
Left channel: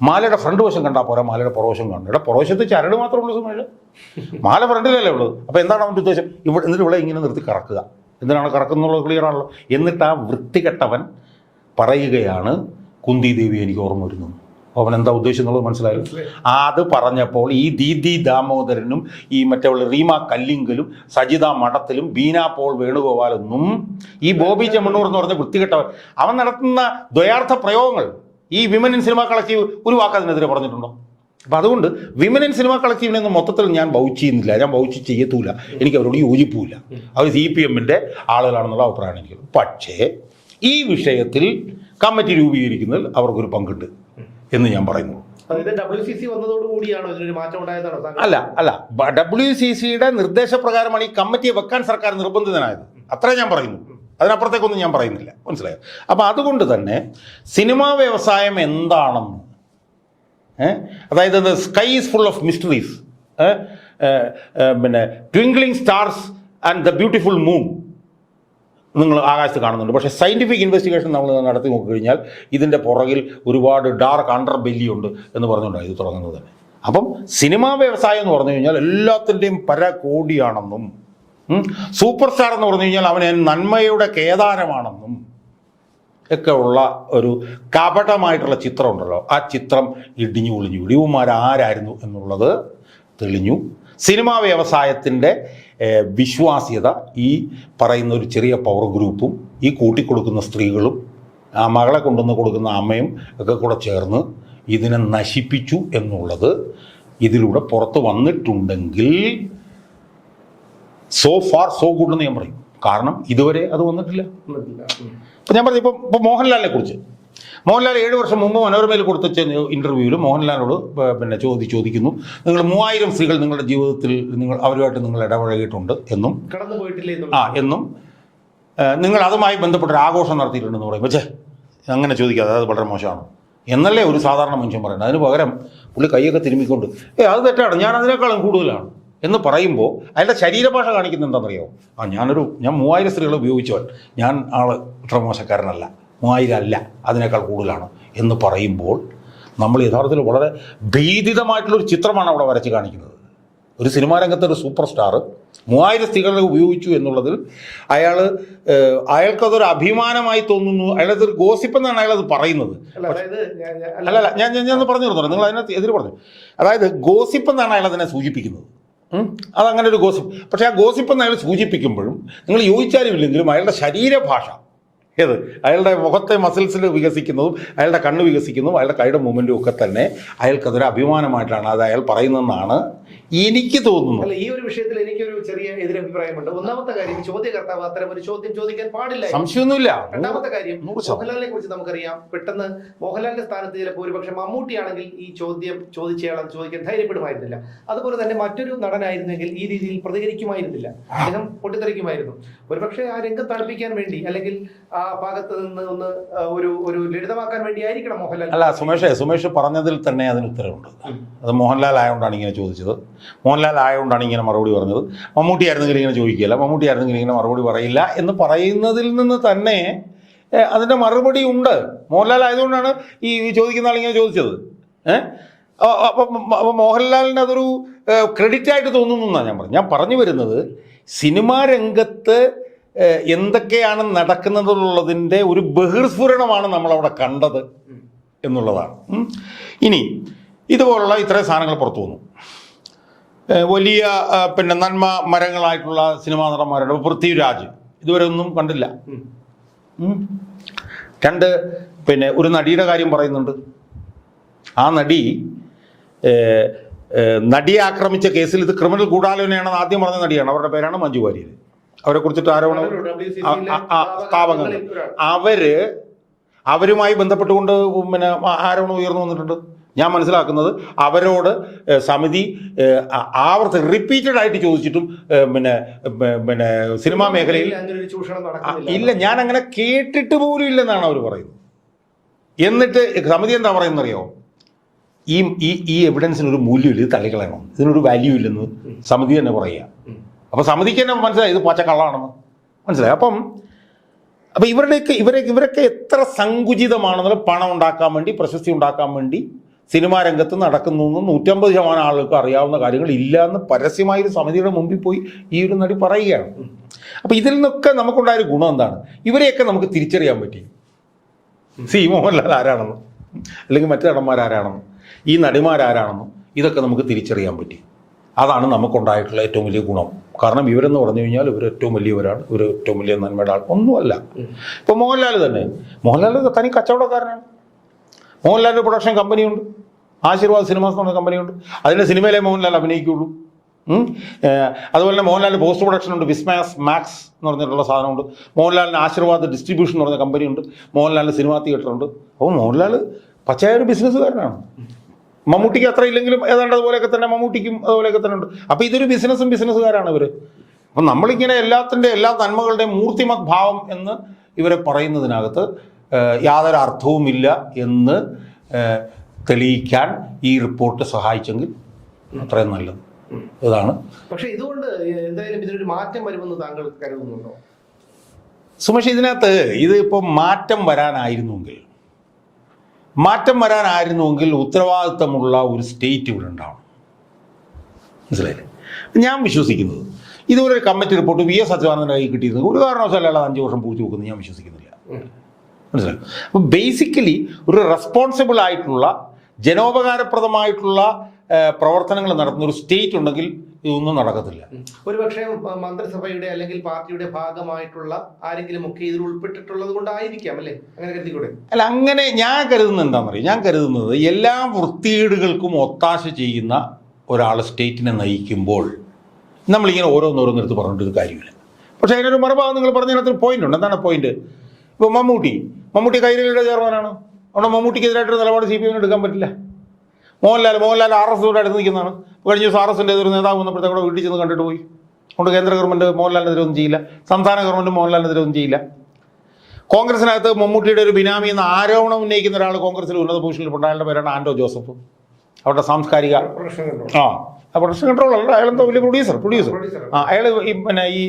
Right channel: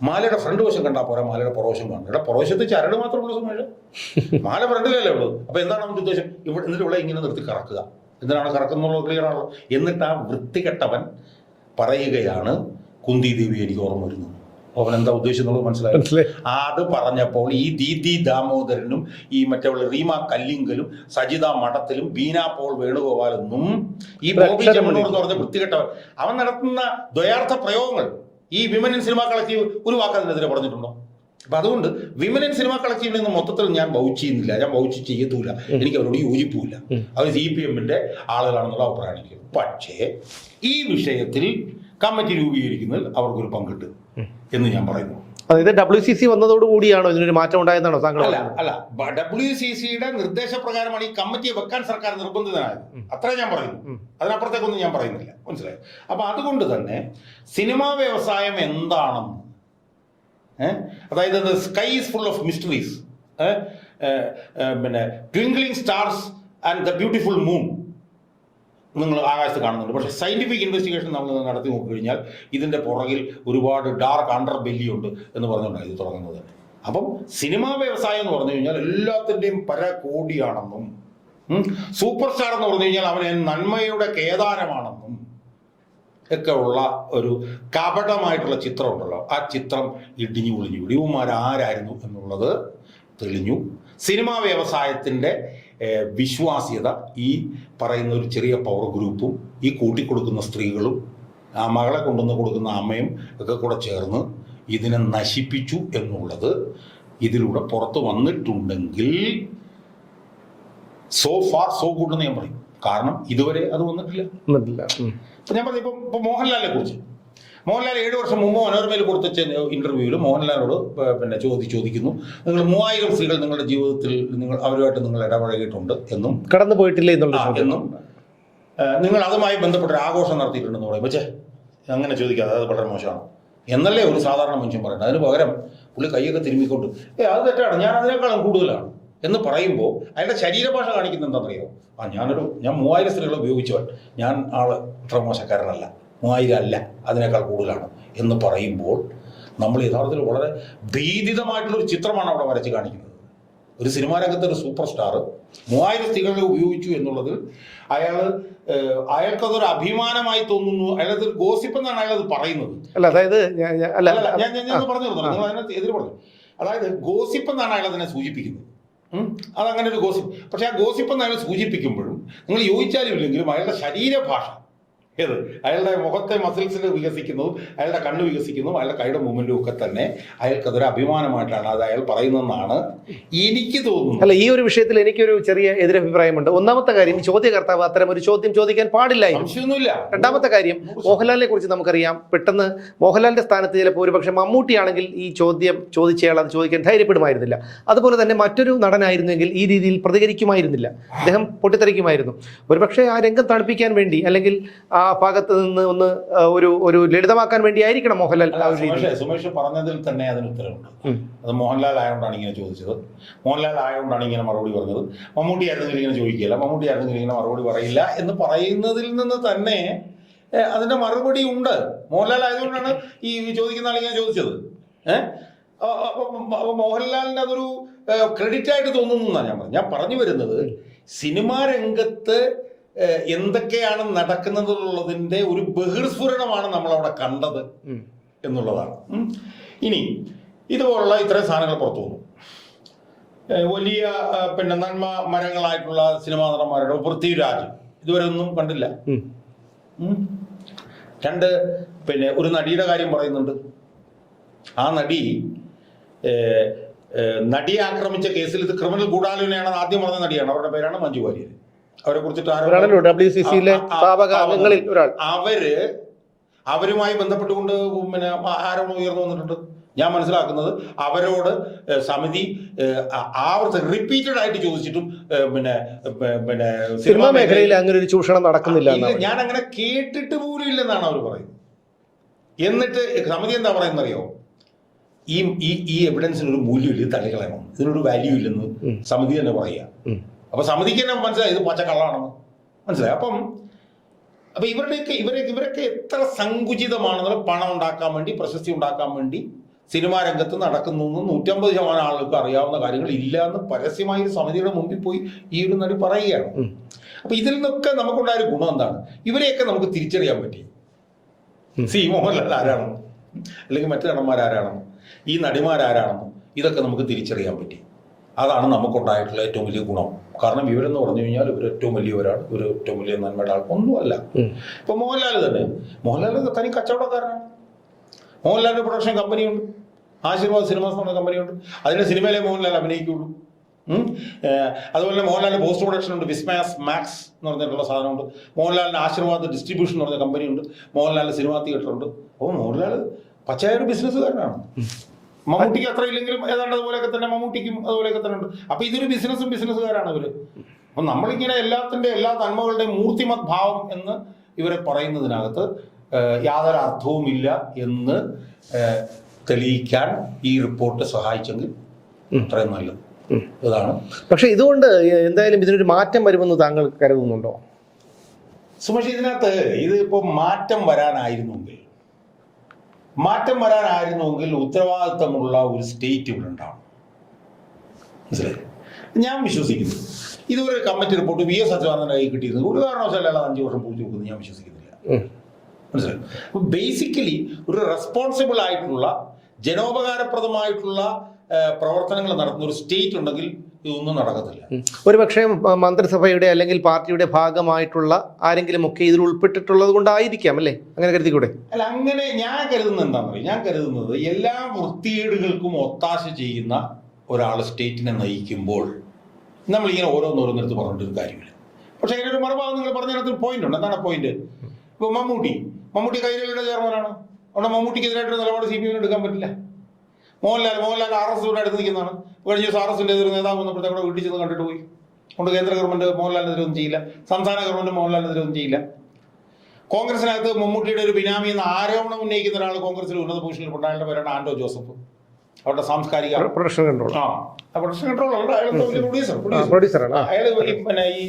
മാലയുടെ ഫ്രണ്ട് വശം കണ്ടാൽ പോരാ മാലയുടെ പുറവശം കാണണം. ഇവിടെ പുറവശത്ത് ചരട് മാത്രമുള്ള സമയം മാല ഫ്രണ്ടിലല്ലേ ഉള്ളത് അപ്പോൾ എന്താണ് അവന്റെ ഉദ്ദേശം? ഇവിടെ എന്നിട്ട് ഇവിടെ ഇങ്ങനെ നിർത്തി കറക്കുക. എന്തിനാണ് കറക്കുന്നുള്ളത് ക്ലിയർ ആണല്ലോ? എന്നിട്ട് ആ വൃത്തികെട്ടവൻ പറയുകയാണ് കുന്തി ദേവി എനിക്ക് ഓർമ്മ വരുന്നു. അവൻ എന്താ ഉദ്ദേശം എന്നുള്ളത് മനസ്സിലായി. അത് പറഞ്ഞപ്പോൾ ഈ ദീദി ദാമോദരനും ഈ മറ്റേ റീമ കല്ലിങ്കലും സജിത മഠത്തിലും ബീന പോൾ വേണുഗോപാലെന്നും ഈ ബോബി ചെമ്മണ്ണൂർ എന്ന് പറഞ്ഞ വൃത്തികെട്ടവൻ അവൻ നടത്തുന്ന ദ്വയാർത്ഥ പ്രയോഗങ്ങൾ ഈ വിമൻ ഇൻ സിനിമ കളക്റ്റീവ് ഒരു വാക്ക് അതിനെതിരെ പറഞ്ഞിട്ടുണ്ടോ? അപ്പൊ അതുകൊണ്ട് വിമൻ ഇൻ സിനിമ കളക്റ്റീവിനെ മൊത്തത്തിൽ ഞാൻ ബൗച്ച് ചെയ്യുന്നില്ല. ഞാൻ ബൗച്ച് ചെയ്യത്തൂല. എനിക്ക് അവരോട് യോജിപ്പൂല അവർ സി പി എമ്മിന്റെ ആളുകളാണെന്നുള്ള അഭിപ്രായമാണ് എനിക്ക്. പക്ഷേ ഈ വിഷയത്തിൽ കമ്മിറ്റി രൂപീകരിക്കുന്നതിൽ അവർക്കൊരു പങ്കുണ്ട് എന്ന് ഞാൻ പറയുന്നു. അതായത് ഡബ്ല്യു സി സി വന്നതോട് കൂടിയാണോ ഇതിനൊരു മാറ്റം ഉണ്ടായതാണോ താങ്കൾ അല്ല അല്ല. ഡബ്ല്യു സി സിയുടെ നിർദ്ദേശപ്രകാരമാണ് ഈ കമ്മിറ്റിയെ വെക്കാൻ സർക്കാർ നിർബന്ധിതനായത്. അത്രേ ഞാൻ പറയുന്നു. അതിനപ്പുറത്തേക്കൊന്നും ഞാൻ പറയുന്നില്ല. മനസ്സിലായോ? അപ്പൊ അതുകൊണ്ട് തന്നെ സിനിമാ വ്യവസായം എന്താണെന്ന് അതായത് sky is full of mysteries. പിന്നെ twinkling stars and the beautiful moon. നിങ്ങൾ ആകാശത്ത് കാണുന്നുണ്ട്. പക്ഷേ സയന്റിഫിക് ഇൻവെസ്റ്റിഗേഷൻ നമ്മൾ നടത്തി നോക്കി കഴിഞ്ഞാൽ ഇതിന്റെ പുറകിൽ ഒരുപാട് ഡാർക്ക് അണ്ടർ ബെല്ലിയുണ്ട് എന്ന് പറഞ്ഞുകൊണ്ടാണ് ഇത് തുടങ്ങുന്നത്. അപ്പം സിനിമാ വ്യവസായം എന്ന് പറഞ്ഞു കഴിഞ്ഞാൽ എല്ലാത്തിന്റെയും പര കോടിയാണെന്നും സൂപ്പർ സ്റ്റാർ എന്ന് പറഞ്ഞു കഴിഞ്ഞാൽ അവൻ നന്മയുടെ കേദാരമാണെന്നും ഒക്കെ ഉള്ള ഒരു കപടമായിട്ടുള്ള ചിത്രം ഉണ്ടല്ലോ ആ ചിത്രം ഇടിഞ്ഞു ഒളിഞ്ഞു. ഇടിവുമാർ ആരായിരുന്നു എന്നുള്ളത് തെളിഞ്ഞു. സിനിമാ വ്യവസായത്തിന്റെ വിശ്വാസ്യത ഈ പറയുന്ന ഒരു ചെറിയ പവർ ഗ്രൂപ്പും ഈ കൂട്ടിക്കൊടുക്കുന്ന സ്ത്രീകളും ആ മകളെ കൊണ്ടുവന്ന് കൊടുക്കുന്ന അമ്മയും ഒക്കെ കൂടെ ചേർന്ന് ഇതിനെ നശിപ്പിച്ചു എന്നുള്ളത് ഇതിലൂടെ പുറത്ത് വന്നിട്ടുണ്ടെങ്കിൽ സോ ഫാർ സോ ഗുഡ് എന്ന് ഞാൻ പറയും. കാരണം ഇതുവരെ അത് വന്നിട്ടില്ല. വന്നിട്ടില്ല. ഇപ്പം ഞാൻ പറഞ്ഞു ഇപ്പം ഇപ്പം മോഹൻലാലിനെ കുറിച്ച്. മോഹൻലാൽ ഏഴ് വർഷം മുമ്പ് മനോരമയിൽ കൊടുത്ത ഇന്റർവ്യൂവിൽ മോഹൻലാലിനോട് പിന്നെ ചോദി ചോദിക്കുന്നു നിങ്ങൾ മൂവായിരം സ്ത്രീകൾ നിങ്ങളുടെ ജീവിതത്തിൽ നിങ്ങൾ അവരുമായിട്ട് നിങ്ങൾ ഇടപഴകിയിട്ടുണ്ട് എന്നും. കടന്നു പോയിട്ടില്ല എന്നും. നിങ്ങൾ അതുമായി ബന്ധപ്പെട്ട ഒരു ആഘോഷം നടത്തിയിട്ടുണ്ടെന്ന് പറയും. പക്ഷേ അങ്ങനെ ചോദിക്കാതെ അത് വളരെ മോശമാണ്. എന്നല്ലേ ഒരു സാധാരണ മനുഷ്യൻ പറയുന്നത്? അതിന് പകരം പുള്ളി കൈയൊക്കെ തിരുമ്മിക്കൊണ്ട് ഏ അത് തെറ്റാണ്. ഞാൻ അതിനേക്കാളും കൂടുതലാണ്. എന്ന് പറയുമ്പോൾ അതിന്റെ ശരീരഭാഷ കാണിക്കുന്നത് എന്താണെന്നറിയോ? ആ ഞാനൊരു ഞാൻ മൂവായിരം സ്ത്രീകളെ ഉപയോഗിച്ചവൻ. ഞാൻ ആൾ ഇത്ര മോശക്കാരനല്ല മൂവായിരം അല്ല. അതിനേക്കാൾ കൂടുതലാണ് എന്ന് പറയുമ്പോൾ നമ്മൾ യഥാർത്ഥത്തിൽ വളരെ ഭീതിതമായിട്ടുള്ളൊരു ചിത്രമാണ് അവിടെ വരച്ച് കാണിക്കുന്നത്. ഒരു സിനിമാ രംഗത്തെ ഒരു സൂപ്പർ സ്റ്റാർ മൂവായിരം സ്ത്രീകളെ ഉപയോഗിച്ചു എന്നുള്ളതിൽ അയാൾ അയാൾക്കതൊരു അഭിമാനമായി തോന്നുന്നു. അയാളത് ഗോസിപ്പ് എന്നാണ് അത് പറയുന്നത്. അല്ല അതായത് അല്ല. അല്ല ഞാൻ ഞാൻ പറഞ്ഞു നിങ്ങൾ അതിനകത്ത് എതിര് പറഞ്ഞു. അതായത് ഗോസിപ്പ് എന്നാണ് അയാൾ അതിനെ സൂചിപ്പിക്കുന്നത്? അതങ്ങനെ ഒരു ഗോസിപ്പ്. പക്ഷെ ആ ഗോസിപ്പ് എന്ന് അയാൾ സൂചിപ്പിക്കുമ്പോഴും നിങ്ങൾ യോജിച്ചാലും ഇല്ലെങ്കിലും അയാളുടെ ശരീരഭാഷ ഏത്? അയാളുടെ മുഖത്തെ മസിൽസിൽ വികസിക്കുന്നതും അയാളുടെ കണ്ണ് വികസിക്കുന്നതും അയാളുടെ കൈയുടെ മൂവ്മെന്റും ഒക്കെ തന്നെ അയാൾക്കതൊരു അഭിമാനമായിട്ടാണ് അത് അയാൾ പറയുന്നതെന്നാണ് എനിക്ക് തോന്നുന്നത്. അല്ല ഈ ഒരു വിഷയത്തിൽ എനിക്കൊരു ചെറിയ എതിരഭിപ്രായമുണ്ട്. ഒന്നാമത്തെ കാര്യം ചോദ്യകർത്താവ് അത്തരം ഒരു ചോദ്യം ചോദിക്കാൻ പാടില്ല സംശയമൊന്നുമില്ല. രണ്ടാമത്തെ കാര്യം മോഹൻലാലിനെ കുറിച്ച് നമുക്കറിയാം. പെട്ടെന്ന് മോഹൻലാലിന്റെ സ്ഥാനത്ത് ചിലപ്പോൾ ഒരുപക്ഷെ മമ്മൂട്ടിയാണെങ്കിൽ ഈ ചോദ്യം ചോദിച്ചയാൾ അത് ചോദിക്കാൻ ധൈര്യപ്പെടുമായിരുന്നില്ല. അതുപോലെ തന്നെ മറ്റൊരു നടനായിരുന്നെങ്കിൽ ഈ രീതിയിൽ പ്രതികരിക്കുമായിരുന്നില്ല. അദ്ദേഹം പൊട്ടിത്തെറിക്കുമായിരുന്നു. ഒരുപക്ഷെ ആ രംഗം തണുപ്പിക്കാൻ വേണ്ടി അല്ലെങ്കിൽ ആ ഭാഗത്ത് നിന്ന് ഒന്ന് ആ, ഒരു ഒരു ലളിതമാക്കാൻ വേണ്ടി ആയിരിക്കണം മോഹൻലാൽ അല്ല ആ സുമേഷ്. സുമേഷ് പറഞ്ഞതിൽ തന്നെ അതിന് ഉത്തരവുണ്ട്. അത് മോഹൻലാൽ ആയതുകൊണ്ടാണ് ഇങ്ങനെ ചോദിച്ചത്. മോഹൻലാൽ ആയതുകൊണ്ടാണ് ഇങ്ങനെ മറുപടി പറഞ്ഞത്. മമ്മൂട്ടി ആയിരുന്നെങ്കിൽ ഇങ്ങനെ ചോദിക്കില്ല മമ്മൂട്ടി ആയിരുന്നെങ്കിൽ ഇങ്ങനെ മറുപടി പറയില്ല എന്ന് പറയുന്നതിൽ നിന്ന് തന്നെ അതിന്റെ അതിന്റെ മറുപടി ഉണ്ട്. മോഹൻലാൽ ആയതുകൊണ്ടാണ് ഈ ചോദിക്കുന്ന ആൾ ഇങ്ങനെ ചോദിച്ചത്. ഏഹ് അപ്പം മോഹൻലാലിന്റെ മോഹൻലാലിന് അതൊരു ക്രെഡിറ്റ് ആയിട്ട് തോന്നുന്നു എന്നാണ് ഞാൻ പറഞ്ഞത്. ഞാൻ പറഞ്ഞു വരുന്നത് സിനിമാ രംഗത്ത് എന്തൊക്കെയാണ് നടക്കുന്നതെന്നുള്ളതിന്റെ ഒരു ബഹിർസ്ഫുരണമാണ് നമ്മൾ അവിടെ കണ്ടത് എന്നുള്ളതാണ്. ഇനി ഇതുപോലുള്ള ഇത്രയും സാധനങ്ങൾ പുറത്തു വന്നു. വലിയ പിന്നെ നന്മ മരങ്ങളായിട്ടുള്ള സിനിമാ നടന്മാരുടെ പൃഥ്വിരാജ്. ഇതുവരെ ഒന്നും കണ്ടില്ല. രണ്ട് പിന്നെ ഒരു നടിയുടെ കാര്യം പറയുന്നുണ്ട്. ആ നടി നടിയെ ആക്രമിച്ച കേസിൽ ഇത് ക്രിമിനൽ ഗൂഢാലോചനയാണെന്ന് ആദ്യം പറഞ്ഞ നടിയാണ്. അവരുടെ പേരാണ് മഞ്ജു വാര്യർ അവരെ കുറിച്ചിട്ട് ആരോപണം അവർ അവരുമായി ബന്ധപ്പെട്ടുകൊണ്ട് പിന്നെ ആരോപണം ഉയർന്നു വന്നിട്ടുണ്ട്? ഞാൻ മനസ്സിലാക്കുന്നത് അവരോട് സമിതി ആവർത്തി റിപ്പീറ്റഡ് ആയിട്ട് ചോദിച്ചിട്ടും പിന്നെ പിന്നെ സിനിമാ മേഖലയിൽ അങ്ങനെ ഒരു ചൂഷണം നടക്കുന്നില്ല ഇല്ല ഞാൻ അങ്ങനെ കേട്ടിട്ട് പോലും ഇല്ലെന്നാണ് അവർ പറയുന്നത്. എന്നിട്ട് സമിതി എന്താ പറയുന്നത് അറിയോ ഈ ഈ എവിഡൻസിനൊരു എവിഡൻസിന് ഒരു മൂല്യമില്ല ഇത് തള്ളിക്കളയണം. ഇതിനൊരു വാല്യൂ ഇല്ലെന്ന് സമിതി തന്നെ പറയുക. ഉം. അപ്പൊ സമിതിക്ക് തന്നെ മനസ്സിലായി ഇത് പച്ചക്കള്ളാണെന്ന്. മനസ്സിലായി. അപ്പം അപ്പൊ ഇവരുടെയൊക്കെ ഇവരെ ഇവരൊക്കെ എത്ര സങ്കുചിതമാണെന്നുള്ള പണം ഉണ്ടാക്കാൻ വേണ്ടി പ്രശസ്തി ഉണ്ടാക്കാൻ വേണ്ടി സിനിമാ രംഗത്ത് നടക്കുന്നു എന്ന് നൂറ്റമ്പത് ശതമാനം ആളുകൾക്ക് അറിയാവുന്ന കാര്യങ്ങൾ ഇല്ല എന്ന് പരസ്യമായി ഒരു സമിതിയുടെ മുമ്പിൽ പോയി ഈ ഒരു നടി പറയുകയാണ്. അപ്പൊ ഇതിൽ നിന്നൊക്കെ നമുക്കുണ്ടായ ഒരു ഗുണം എന്താണ്? ഇവരെയൊക്കെ നമുക്ക് തിരിച്ചറിയാൻ പറ്റി. സി മോഹൻലാൽ ആരാണെന്ന് അല്ലെങ്കിൽ മറ്റു നടന്മാരാരാണെന്ന് ഈ നടിമാരാരാണെന്ന് ഇതൊക്കെ നമുക്ക് തിരിച്ചറിയാൻ പറ്റി. അതാണ് നമുക്കുണ്ടായിട്ടുള്ള ഏറ്റവും വലിയ ഗുണം. കാരണം ഇവരെന്ന് പറഞ്ഞു കഴിഞ്ഞാൽ ഇവർ ഏറ്റവും വലിയവരാണ്. ഇവർ ഏറ്റവും വലിയ നന്മയുടെ ആൾ. ഒന്നുമല്ല. ഇപ്പൊ മോഹൻലാൽ തന്നെ. മോഹൻലാൽ തനി കച്ചവടക്കാരനാണ്. മോഹൻലാലിന്റെ പ്രൊഡക്ഷൻ കമ്പനിയുണ്ട് ആശീർവാദ് സിനിമാസ് എന്ന പറഞ്ഞ കമ്പനിയുണ്ട് അതിന്റെ സിനിമയിലെ മോഹൻലാൽ അഭിനയിക്കുള്ളൂ. അതുപോലെ തന്നെ മോഹൻലാലിന് പോസ്റ്റ് പ്രൊഡക്ഷൻ ഉണ്ട്. വിസ്മാസ് മാക്സ് എന്ന് പറഞ്ഞിട്ടുള്ള സാധനമുണ്ട്. മോഹൻലാലിന് ആശീർവാദ് ഡിസ്ട്രിബ്യൂഷൻ എന്ന് പറഞ്ഞ കമ്പനിയുണ്ട് മോഹൻലാലിന് സിനിമാ തിയേറ്റർ ഉണ്ട്. അപ്പോൾ മോഹൻലാൽ പച്ചയായ ഒരു ബിസിനസ്സുകാരനാണ് മമ്മൂട്ടിക്ക് അത്ര ഇല്ലെങ്കിലും ഏതാണ്ട് അതുപോലെയൊക്കെ തന്നെ മമ്മൂട്ടിക്കും അതുപോലെയൊക്കെ തന്നെ ഉണ്ട്. അപ്പൊ ഇതൊരു ബിസിനസ്സും ബിസിനസ്സുകാരാണ് ഇവർ. അപ്പം നമ്മളിങ്ങനെ എല്ലാത്തിന്റെ എല്ലാ നന്മകളുടെയും മൂർത്തിമത് ഭാവം എന്ന് ഇവരെ പറയുന്നതിനകത്ത് യാതൊരു അർത്ഥവുമില്ല എന്ന് തെളിയിക്കാൻ ഈ റിപ്പോർട്ട് സഹായിച്ചെങ്കിൽ അത്രയും നല്ലത്. ഇതാണ്. പക്ഷെ ഇതുകൊണ്ട് എന്തായാലും ഇതിനൊരു മാറ്റം വരുമെന്ന് താങ്കൾ കരുതുന്നുണ്ടോ? സുമേഷ് ഇതിനകത്ത് ഇത് ഇപ്പം മാറ്റം വരാനായിരുന്നുവെങ്കിൽ മാറ്റം വരാനായിരുന്നുവെങ്കിൽ ഉത്തരവാദിത്തമുള്ള ഒരു സ്റ്റേറ്റ് ഇവിടെ ഉണ്ടാവണം. മനസ്സിലായില്ലേ? ഞാൻ വിശ്വസിക്കുന്നു. ഇതുപോലെ ഒരു കമ്മിറ്റി റിപ്പോർട്ട് വി എസ് അച്യുതാനന്ദന്റെ കൈ കിട്ടിയിരുന്നു. ഒരു കാരണവശാലും അഞ്ചു വർഷം പൂച്ചു വെക്കുന്നു ഞാൻ വിശ്വസിക്കുന്നില്ല. മനസ്സിലായി? അപ്പോൾ ബേസിക്കലി ഒരു റെസ്പോൺസിബിൾ ആയിട്ടുള്ള ജനോപകാരപ്രദമായിട്ടുള്ള പ്രവർത്തനങ്ങൾ നടത്തുന്ന ഒരു സ്റ്റേറ്റ് ഉണ്ടെങ്കിൽ ഇതൊന്നും നടക്കത്തില്ല. ഉം. ഒരു പക്ഷേ മ- മന്ത്രിസഭയുടെ അല്ലെങ്കിൽ പാർട്ടിയുടെ ഭാഗമായിട്ടുള്ള ആരെങ്കിലും ഒക്കെ ഇതിൽ ഉൾപ്പെട്ടിട്ടുള്ളത് കൊണ്ടായിരിക്കാം അല്ലേ? അങ്ങനെ കരുതിക്കൂടെ? അല്ല അങ്ങനെ ഞാൻ കരുതുന്നത് പറയുക ഞാൻ കരുതുന്നത് എല്ലാ വൃത്തികേടുകൾക്കും ഒത്താശ ചെയ്യുന്ന ഒരാൾ സ്റ്റേറ്റിനെ നയിക്കുമ്പോൾ നമ്മളിങ്ങനെ ഓരോന്നോരോന്നെടുത്ത് പറഞ്ഞിട്ട് കാര്യങ്ങൾ കാര്യമില്ല. പക്ഷേ അതിനൊരു മറുഭാഗം നിങ്ങൾ പറഞ്ഞതിനകത്ത് പോയിന്റ് ഉണ്ട്. എന്താണ് പോയിന്റ് ഇപ്പോൾ മമ്മൂട്ടി. മമ്മൂട്ടി കൈരളിയുടെ ചെയർമാനാണ്? അവിടെ മമ്മൂട്ടിക്കെതിരായിട്ടൊരു നിലപാട് സി പി എമ്മിന് എടുക്കാൻ പറ്റില്ല? മോഹൻലാൽ മോഹൻലാൽ ആർ എസ് അടുത്ത് നിൽക്കുന്നതാണ്. കഴിഞ്ഞ ദിവസം ആർ എസിന്റെ ഒരു നേതാവ് വന്നപ്പോഴത്തെ കൂടെ വീട്ടിൽ ചെന്ന് കണ്ടിട്ട് പോയി. അതുകൊണ്ട് കേന്ദ്ര ഗവൺമെന്റ് മോഹൻലാലിനെതിരെ ഒന്നും ചെയ്യില്ല. സംസ്ഥാന ഗവൺമെന്റ് മോഹൻലാലിനെതിരെ ഒന്നും ചെയ്യില്ല. കോൺഗ്രസിനകത്ത് മമ്മൂട്ടിയുടെ ഒരു ബിനാമി എന്ന ആരോപണം ഉന്നയിക്കുന്ന ഒരാൾ കോൺഗ്രസിൽ ഉന്നത പൊസിഷനിൽ ഉണ്ടായ പേരാണ് ആന്റോ ജോസഫ്. അവരുടെ സാംസ്കാരിക പ്രൊഡക്ഷൻ കൺട്രോൾ ആ പ്രൊഡക്ഷൻ കൺട്രോൾ അല്ല. വലിയ പ്രൊഡ്യൂസർ പ്രൊഡ്യൂസർ. അയാൾ പിന്നെ ഈ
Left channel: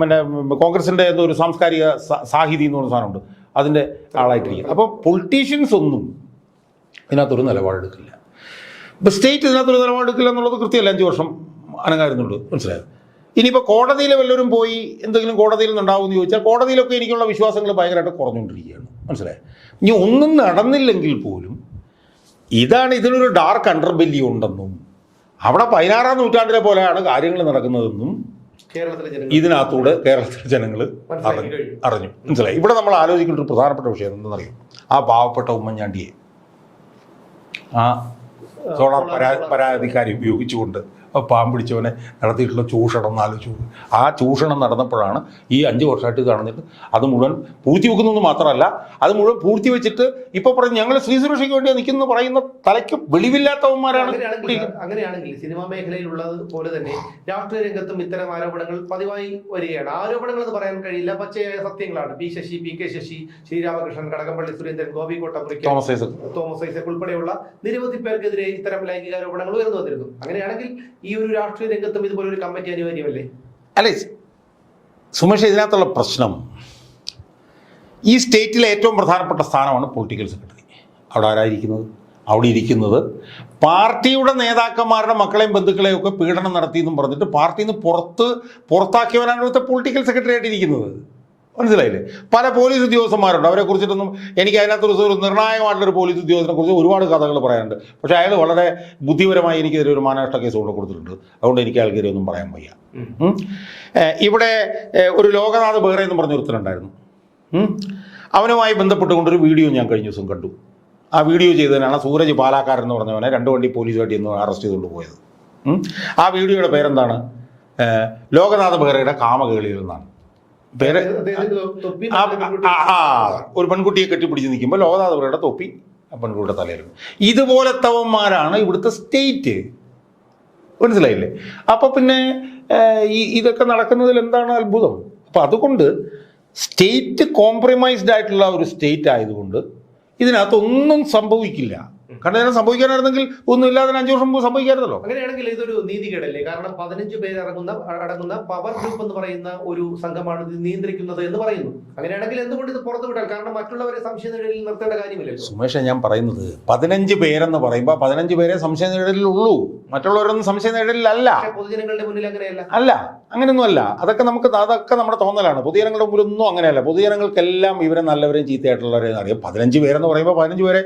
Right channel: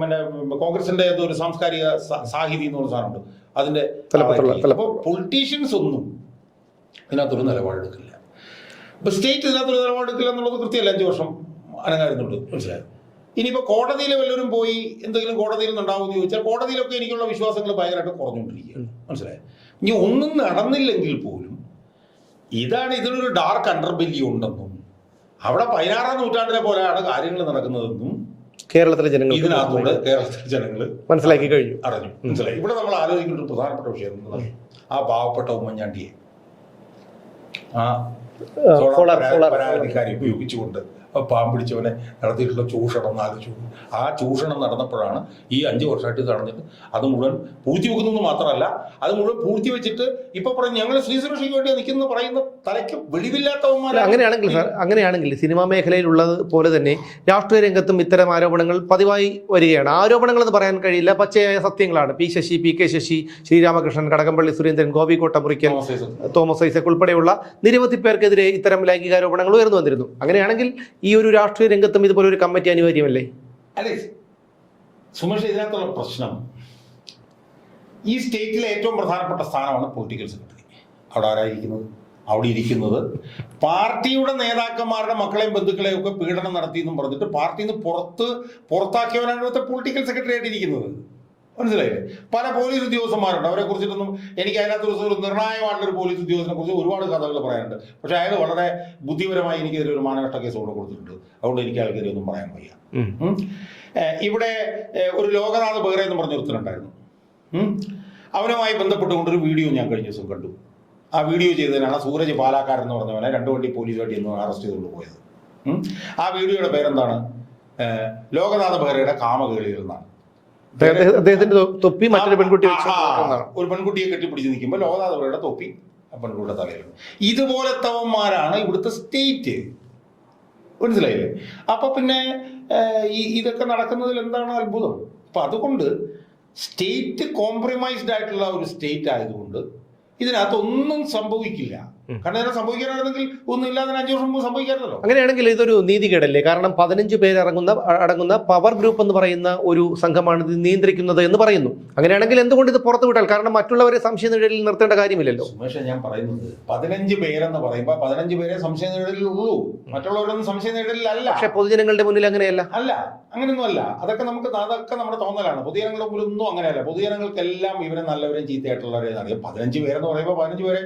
പിന്നെ കോൺഗ്രസിന്റെ എന്തോ ഒരു സാംസ്കാരിക സാഹിതി എന്ന് പറഞ്ഞ സാധനമുണ്ട്. അതിന്റെ അപ്പൊ അപ്പോൾ പൊളിറ്റീഷ്യൻസ് ഒന്നും ഇതിനകത്തൊരു നിലപാടെടുക്കില്ല. ഇപ്പൊ സ്റ്റേറ്റ് ഇതിനകത്ത് ഇതിനകത്തൊരു നിലപാടെടുക്കില്ല എന്നുള്ളത് കൃത്യമല്ല. അഞ്ചു വർഷം അനങ്ങായിരുന്നുള്ളൂ മനസ്സിലായത് ഇനിയിപ്പോൾ കോടതിയിൽ വല്ലവരും പോയി എന്തെങ്കിലും കോടതിയിൽ നിന്നുണ്ടാവും എന്ന് ചോദിച്ചാൽ കോടതിയിലൊക്കെ എനിക്കുള്ള വിശ്വാസങ്ങൾ ഭയങ്കരമായിട്ട് കുറഞ്ഞുകൊണ്ടിരിക്കുകയാണ്. മനസ്സിലായത് ഇനി ഒന്നും നടന്നില്ലെങ്കിൽ പോലും ഇതാണ് ഇതിനൊരു ഡാർക്ക് അണ്ടർബെല്ലി ഉണ്ടെന്നും അവിടെ പതിനാറാം നൂറ്റാണ്ടിലെ പോലെയാണ് കാര്യങ്ങൾ നടക്കുന്നതെന്നും കേരളത്തിലെ ജനങ്ങൾ ഇതിനകത്തൂടെ കേരളത്തിലെ ജനങ്ങൾ മനസ്സിലാക്കി കഴിഞ്ഞു. അറിഞ്ഞു. മനസ്സിലായി. ഇവിടെ നമ്മൾ ആലോചിക്കേണ്ട ഒരു പ്രധാനപ്പെട്ട വിഷയം എന്താണെന്നറിയും ആ പാവപ്പെട്ട ഉമ്മൻചാണ്ടിയെ. ആ പരാതിക്കാരി ഉപയോഗിച്ചുകൊണ്ട് പാമ്പ് പിടിച്ചവനെ നടത്തിയിട്ടുള്ള ചൂഷണം എന്ന് ആലോചിച്ചു ആ ചൂഷണം നടന്നപ്പോഴാണ് ഈ അഞ്ച് വർഷമായിട്ട് ഇത് നടന്നിട്ട് അത് മുഴുവൻ പൂഴ്ത്തി വെക്കുന്നത് മാത്രമല്ല അത് മുഴുവൻ പൂഴ്ത്തി വെച്ചിട്ട് ഇപ്പൊ പറഞ്ഞു ഞങ്ങൾ സ്ത്രീ സുരക്ഷയ്ക്ക് വേണ്ടി നിൽക്കുന്നു പറയുന്ന തലയ്ക്ക് വെളിവില്ലാത്തവന്മാരാണ് അങ്ങനെയാണെങ്കിൽ അങ്ങനെയാണെങ്കിൽ സിനിമാ മേഖലയിലുള്ളത് പോലെ തന്നെ രാഷ്ട്രീയ രംഗത്തും ഇത്തരം ആരോപണങ്ങൾ പതിവായി വരികയാണ്. ആരോപണങ്ങൾ എന്ന് പറയാൻ കഴിയില്ല. പച്ചയായ സത്യങ്ങളാണ്. P Sasi P K Sasi Sreeramakrishnan Kadakampally Surendran Gopi Kottamurikkal Thomas Isaac. Thomas Isaac ഉൾപ്പെടെയുള്ള നിരവധി പേർക്കെതിരെ ഇത്തരം ലൈംഗികാരോപണങ്ങൾ ഉയർന്നു വന്നിരുന്നു. അങ്ങനെയാണെങ്കിൽ ഈ ഒരു രാഷ്ട്രീയ രംഗത്തും ഇതുപോലെ ഒരു കമ്മിറ്റി അനിവാര്യമല്ലേ? അല്ലേ? സുമേഷ് ഇതിനകത്തുള്ള പ്രശ്നം ഈ സ്റ്റേറ്റിലെ ഏറ്റവും പ്രധാനപ്പെട്ട സ്ഥാനമാണ് പൊളിറ്റിക്കൽ സെക്രട്ടറി അവിടെ ആരായിരിക്കുന്നത്? അവിടെ ഇരിക്കുന്നത്. പാർട്ടിയുടെ നേതാക്കന്മാരുടെ മക്കളെയും ബന്ധുക്കളെയും ഒക്കെ പീഡനം നടത്തി എന്നും പറഞ്ഞിട്ട് പാർട്ടിയിൽ നിന്ന് പുറത്ത് പുറത്താക്കിയവനാണ് ഇവിടുത്തെ പൊളിറ്റിക്കൽ സെക്രട്ടറി ആയിട്ട് ഇരിക്കുന്നത്. മനസ്സിലായില്ലേ? പല പോലീസ് ഉദ്യോഗസ്ഥന്മാരുണ്ട്. അവരെ കുറിച്ചിട്ടൊന്നും എനിക്ക് അതിനകത്ത് ഒരു നിർണായകമായിട്ടുള്ള ഒരു പോലീസ് ഉദ്യോഗസ്ഥനെ കുറിച്ച് ഒരുപാട് കഥകൾ പറയാനുണ്ട്. പക്ഷെ അയാൾ വളരെ ബുദ്ധിപരമായി എനിക്കെതിരെ ഒരു മാനനഷ്ട കേസ് കൊണ്ട് കൊടുത്തിട്ടുണ്ട്. അതുകൊണ്ട് എനിക്ക് അയാൾക്കെതിരെ ഒന്നും പറയാൻ വയ്യ. ഇവിടെ ഒരു ലോകനാഥ് ബെഹ്റ എന്ന് പറഞ്ഞ ഒരുത്തനുണ്ടായിരുന്നു. അവനുമായി ബന്ധപ്പെട്ടുകൊണ്ട് ഒരു വീഡിയോ ഞാൻ കഴിഞ്ഞ ദിവസം കണ്ടു. ആ വീഡിയോ ചെയ്തതിനാണ് സൂരജ് പാലാക്കാരൻ എന്ന് പറഞ്ഞവനെ രണ്ട് വണ്ടി പോലീസ് ഇന്ന് ഒന്ന് അറസ്റ്റ് ചെയ്തുകൊണ്ട് പോയത്. ആ വീഡിയോയുടെ പേരെന്താണ്? ലോകനാഥ് ബെഹ്റയുടെ കാമകേളിയിൽ നിന്നാണ് അദ്ദേഹത്തിന്റെ തൊപ്പി മറ്റൊരു പെൺകുട്ടി ഒരു പെൺകുട്ടിയെ കെട്ടിപ്പിടിച്ച് നിൽക്കുമ്പോൾ ലോകനാഥപുരയുടെ തൊപ്പി ആ പെൺകുട്ടിയുടെ തലയിലുണ്ട് ഇതുപോലത്തവന്മാരാണ് ഇവിടുത്തെ സ്റ്റേറ്റ്. മനസ്സിലായില്ലേ? അപ്പൊ പിന്നെ ഈ ഇതൊക്കെ നടക്കുന്നതിൽ എന്താണ് അത്ഭുതം? അപ്പൊ അതുകൊണ്ട് സ്റ്റേറ്റ് കോംപ്രമൈസ്ഡ് ആയിട്ടുള്ള ഒരു സ്റ്റേറ്റ് ആയതുകൊണ്ട് ഇതിനകത്തൊന്നും സംഭവിക്കില്ല. കാരണം ഇതിനെ സംഭവിക്കാനായിരുന്നെങ്കിൽ ഒന്നും ഇല്ലാതെ അഞ്ചു വർഷം മുമ്പ് സംഭവിക്കായിരുന്നല്ലോ. അങ്ങനെയാണെങ്കിൽ ഇതൊരു നീതികേടല്ലേ കാരണം പതിനഞ്ച് പേരടങ്ങുന്ന അടങ്ങുന്ന പവർ ഗ്രൂപ്പ് എന്ന് പറയുന്ന ഒരു സംഘമാണ് ഇത് നിയന്ത്രിക്കുന്നത് എന്ന് പറയുന്നു. അങ്ങനെയാണെങ്കിൽ എന്തുകൊണ്ട് ഇത് പുറത്തു വിട്ടാൽ? കാരണം മറ്റുള്ളവരെ സംശയ നിഴലിൽ നിർത്തേണ്ട കാര്യമില്ലല്ലോ. സുമേഷ് ഞാൻ പറയുന്നത് പതിനഞ്ച് പേരെന്ന് പറയുമ്പോൾ പതിനഞ്ച് പേരെ സംശയ നിഴലിലുള്ളൂ. മറ്റുള്ളവരൊന്നും സംശയ നിഴലിലല്ല. പക്ഷേ പൊതുജനങ്ങളുടെ മുന്നിൽ അങ്ങനെയല്ല. അല്ല അങ്ങനെയൊന്നും അല്ല. അതൊക്കെ നമുക്ക് അതൊക്കെ നമ്മുടെ തോന്നലാണ്. പൊതുജനങ്ങളുടെ മുമ്പിലൊന്നും അങ്ങനെയല്ല. പൊതുജനങ്ങൾക്കെല്ലാം ഇവരെ നല്ലവരും ചീത്തയായിട്ടുള്ളവരെ അറിയാം. പതിനഞ്ച് പേരെന്ന് പറയുമ്പോൾ പതിനഞ്ച് പേരെ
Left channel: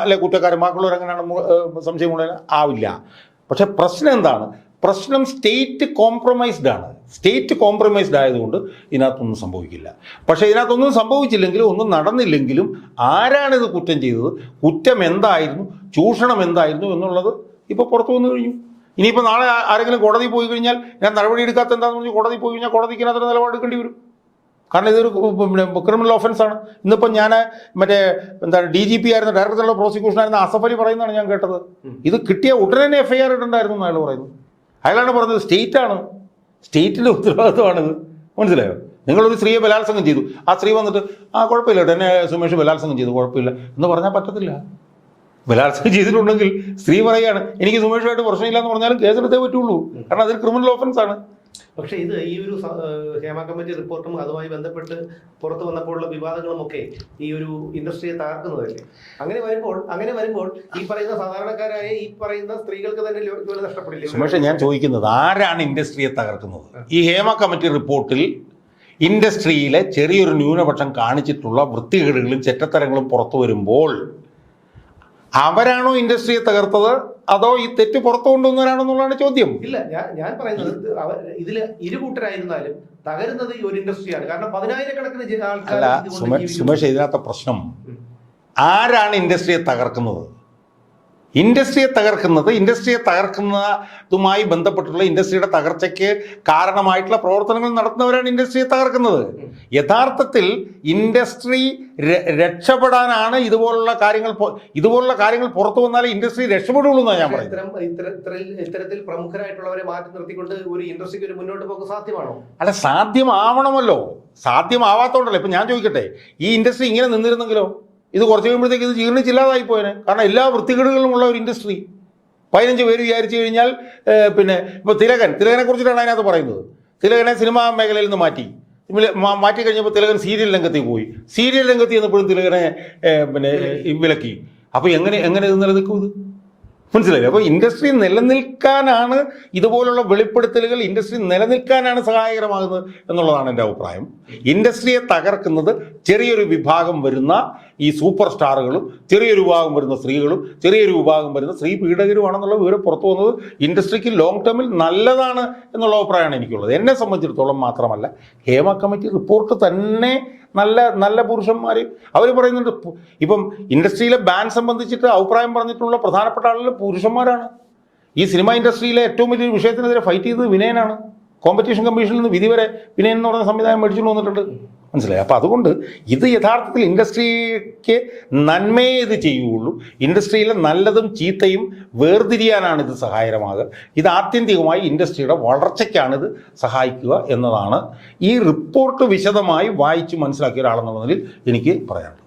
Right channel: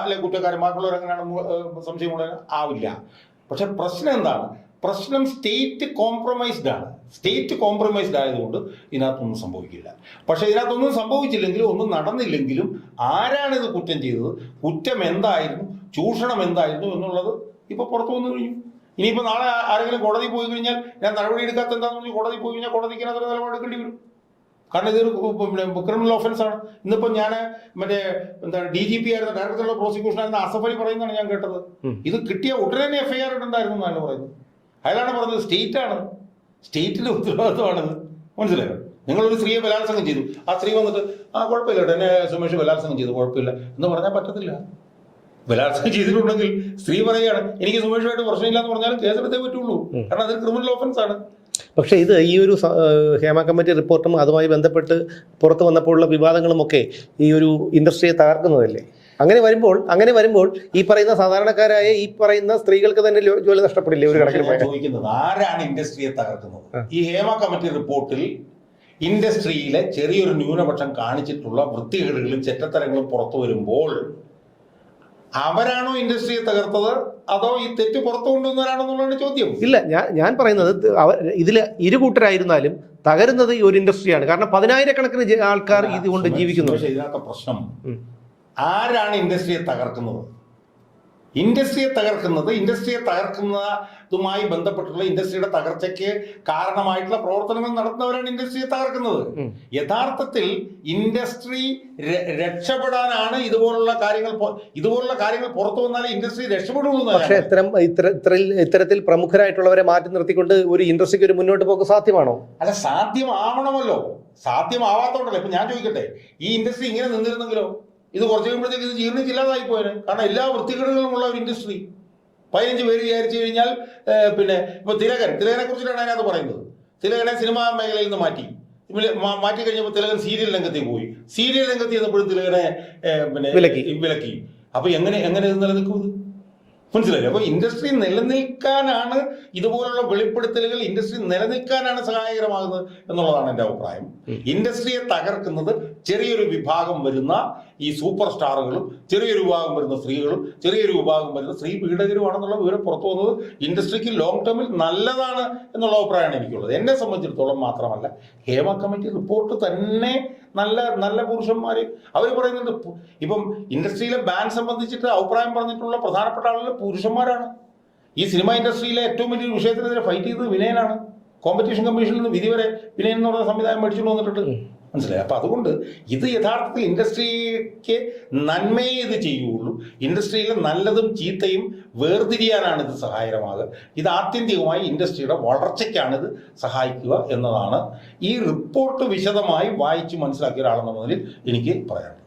അല്ലെ അല്ലെ കുറ്റക്കാരൻ ബാക്കിയുള്ളവർ അങ്ങനെയാണ് സംശയമുള്ള ആവില്ല. പക്ഷെ പ്രശ്നം എന്താണ്? പ്രശ്നം സ്റ്റേറ്റ് കോംപ്രമൈസ്ഡ് ആണ്. സ്റ്റേറ്റ് കോംപ്രമൈസ്ഡ് ആയതുകൊണ്ട് ഇതിനകത്തൊന്നും സംഭവിക്കില്ല. പക്ഷേ ഇതിനകത്തൊന്നും സംഭവിച്ചില്ലെങ്കിലും ഒന്നും നടന്നില്ലെങ്കിലും ആരാണിത് കുറ്റം ചെയ്തത്? കുറ്റം എന്തായിരുന്നു? ചൂഷണം എന്തായിരുന്നു എന്നുള്ളത് ഇപ്പോൾ പുറത്തു വന്നു കഴിഞ്ഞു. ഇനിയിപ്പോൾ നാളെ ആരെങ്കിലും കോടതി പോയി കഴിഞ്ഞാൽ ഞാൻ നടപടി എടുക്കാത്ത എന്താണെന്ന് പറഞ്ഞ് കോടതി പോയി കഴിഞ്ഞാൽ കോടതിക്ക് അതിന് നിലപാടെടുക്കേണ്ടി വരും. കാരണം ഇതൊരു ക്രിമിനൽ ഓഫൻസ് ആണ്. ഇന്നിപ്പോൾ ഞാൻ മറ്റേ എന്താണ് ഡി ജി പി ആയിരുന്ന ഡയറക്ടർ ഓഫ് പ്രോസിക്യൂഷൻ ആയിരുന്ന അസഫ് അലി പറയുന്നതാണ് ഞാൻ കേട്ടത്. ഇത് കിട്ടിയ ഉടനെ തന്നെ എഫ് ഐ ആർ ഇട്ടുണ്ടായിരുന്നു എന്ന് അയാൾ പറയുന്നു അയാളാണ് പറഞ്ഞത് സ്റ്റേറ്റ് ആണ്. സ്റ്റേറ്റിന്റെ ഉത്തരവാദിത്വമാണിത് മനസ്സിലായോ? നിങ്ങളൊരു സ്ത്രീയെ ബലാത്സംഗം ചെയ്തു. ആ സ്ത്രീ വന്നിട്ട് ആ കുഴപ്പമില്ല ഉടനെ എന്നെ സുമേഷ് ബലാത്സംഗം ചെയ്തു. കുഴപ്പമില്ല. എന്ന് പറഞ്ഞാൽ പറ്റത്തില്ല. ബലാത്സംഗം ചെയ്തിട്ടുണ്ടെങ്കിൽ സ്ത്രീ പറയുകയാണ് എനിക്ക് സുമേഷുമായിട്ട് പ്രശ്നമില്ല എന്ന് പറഞ്ഞാൽ കേസെടുത്തേ പറ്റുള്ളൂ. കാരണം അതൊരു ക്രിമിനൽ ഓഫൻസ് ആണ്. പക്ഷേ ഇത് ഈ ഒരു ഹേമ കമ്മിറ്റി റിപ്പോർട്ടും അതുമായി ബന്ധപ്പെട്ട് പുറത്തു വന്നപ്പോഴുള്ള വിവാദങ്ങളുമൊക്കെ ഈ ഒരു ഇൻഡസ്ട്രിയെ തകർക്കുന്നതല്ലേ? അങ്ങനെ വരുമ്പോൾ അങ്ങനെ വരുമ്പോൾ ഈ പറയുന്ന സാധാരണക്കാരായ ഈ പറയുന്ന സ്ത്രീകൾക്ക് തന്നെ ജോലി നഷ്ടപ്പെടില്ലേ പക്ഷെ ഞാൻ? ചോദിക്കുന്നത് ആരാണ് ഇൻഡസ്ട്രിയെ തകർക്കുന്നത്? ഈ ഹേമ കമ്മിറ്റി റിപ്പോർട്ടിൽ ഇൻഡസ്ട്രിയിലെ ചെറിയൊരു ന്യൂനപക്ഷം കാണിച്ചിട്ടുള്ള വൃത്തികേടുകളും ചെറ്റത്തരങ്ങളും പുറത്തു വരുമ്പോൾ അവരാണോ ഇൻഡസ്ട്രിയെ തകർത്തത്? അതോ ഈ തെറ്റ് പുറത്തു കൊണ്ടുവന്നവരാണെന്നുള്ളതാണ് ചോദ്യം. ഇല്ല ഞാൻ ഞാൻ പറയുന്നത് ഇതിൽ ഇതിൽ ഇരു കൂട്ടരായിരുന്നാലും തകരുന്നത് ഈ ഒരു ഇൻഡസ്ട്രിയാണ്. കാരണം പതിനായിരക്കണക്കിന് ആൾക്കാർ ഇതുകൊണ്ട് ജീവിക്കുന്നു. പക്ഷേ ഇതിനകത്ത പ്രശ്നം. ആരാണ് ഇൻഡസ്ട്രിയെ തകർക്കുന്നത്? ഇൻഡസ്ട്രിയെ തകർക്കുന്നത് ഇൻഡസ്ട്രിയെ തകർക്കുന്നതുമായി ബന്ധപ്പെട്ടുള്ള ഇൻഡസ്ട്രിയുടെ തകർച്ചയ്ക്ക് കാരണമായിട്ടുള്ള പ്രവർത്തനങ്ങൾ നടത്തുന്നവരാണ് ഇൻഡസ്ട്രിയെ തകർക്കുന്നത്. യഥാർത്ഥത്തിൽ ഇൻഡസ്ട്രി രക്ഷപ്പെടാനാണ് ഇതുപോലുള്ള കാര്യങ്ങൾ ഇതുപോലുള്ള കാര്യങ്ങൾ പുറത്തു വന്നാലേ ഇൻഡസ്ട്രി രക്ഷപ്പെടുള്ളൂ. ഇത്തരം ഇത്തരത്തിൽ ഇത്തരത്തിൽ പ്രമുഖരായിട്ടുള്ളവരെ മാറ്റി നിർത്തിക്കൊണ്ട് ഒരു ഇൻഡസ്ട്രിക്ക് ഒരു മുന്നോട്ട് പോക്ക് സാധ്യമാണോ? അല്ല സാധ്യമാവണമല്ലോ. സാധ്യമാവാത്തോണ്ടല്ലോ. ഇപ്പൊ ഞാൻ ചോദിക്കട്ടെ ഈ ഇൻഡസ്ട്രി ഇങ്ങനെ നിന്നിരുന്നെങ്കിലോ? ഇത് കുറച്ച് കഴിയുമ്പോഴത്തേക്ക് ഇത് ജീർണിച്ചില്ലാതായി പോയനെ കാരണം എല്ലാ വൃത്തികേടുകളിലും ഉള്ള ഒരു ഇൻഡസ്ട്രി പതിനഞ്ച് പേര് വിചാരിച്ചു കഴിഞ്ഞാൽ പിന്നെ ഇപ്പൊ തിലകൻ തിലകനെ കുറിച്ചിട്ടാണ് അതിനകത്ത് പറയുന്നത്. തിലകനെ സിനിമാ മേഖലയിൽ നിന്ന് മാറ്റി. മാറ്റി കഴിഞ്ഞപ്പോൾ തിലകൻ സീരിയൽ രംഗത്തേക്ക് പോയി. സീരിയൽ രംഗത്ത് ചെന്നപ്പോഴും തിലകനെ പിന്നെ വിലക്കി. വിലക്കി. അപ്പൊ എങ്ങനെ എങ്ങനെ ഇത് നിലനിൽക്കും ഇത്? മനസ്സിലായില്ലേ? അപ്പോൾ ഇൻഡസ്ട്രി നിലനിൽക്കാനാണ് ഇതുപോലുള്ള വെളിപ്പെടുത്തലുകൾ ഇൻഡസ്ട്രി നിലനിൽക്കാനാണ് സഹായകരമാകുന്നത് എന്നുള്ളതാണ് എന്റെ അഭിപ്രായം. ഇൻഡസ്ട്രിയെ തകർക്കുന്നത് ചെറിയൊരു വിഭാഗം വരുന്ന ഈ സൂപ്പർ സ്റ്റാറുകളും ചെറിയൊരു വിഭാഗം വരുന്ന സ്ത്രീകളും ചെറിയൊരു വിഭാഗം വരുന്ന സ്ത്രീ പീഡകരുമാണെന്നുള്ള വിവരം പുറത്തു വന്നത് ഇൻഡസ്ട്രിക്ക് ലോങ് ടേമിൽ നല്ലതാണ് എന്നുള്ള അഭിപ്രായമാണ് എനിക്കുള്ളത്. എന്നെ സംബന്ധിച്ചിടത്തോളം മാത്രമല്ല ഹേമ കമ്മിറ്റി റിപ്പോർട്ട് തന്നെ നല്ല നല്ല പുരുഷന്മാർ അവർ പറയുന്നുണ്ട് ഇപ്പം ഇൻഡസ്ട്രിയിലെ ബാൻ സംബന്ധിച്ചിട്ട് അഭിപ്രായം പറഞ്ഞിട്ടുള്ള പ്രധാനപ്പെട്ട ആളുകൾ പുരുഷന്മാരാണ്. ഈ സിനിമ ഇൻഡസ്ട്രിയിലെ ഏറ്റവും വലിയൊരു വിഷയത്തിനെതിരെ ഫൈറ്റ് ചെയ്തത് വിനയനാണ്. കോമ്പറ്റീഷൻ കമ്മീഷനിൽ നിന്ന് വിധി വരെ വിനയൻ എന്ന് പറഞ്ഞ സംവിധാനം മേടിച്ചുകൊണ്ട് വന്നിട്ടുണ്ട്. മനസ്സിലായി? അപ്പോൾ അതുകൊണ്ട് ഇത് യഥാർത്ഥത്തിൽ ഇൻഡസ്ട്രിക്ക് നന്മയെ ഇത് ചെയ്യുകയുള്ളൂ. ഇൻഡസ്ട്രിയിലെ നല്ലതും ചീത്തയും വേർതിരിയാനാണ് ഇത് സഹായകരമാകുക. ഇത് ആത്യന്തികമായി ഇൻഡസ്ട്രിയുടെ വളർച്ചയ്ക്കാണ് ഇത് സഹായിക്കുക എന്നതാണ്. ഈ റിപ്പോർട്ട് വിശദമായി വായിച്ച് മനസ്സിലാക്കിയ ഒരാളെന്നുള്ളതിൽ എനിക്ക് പറയാനുള്ളത്.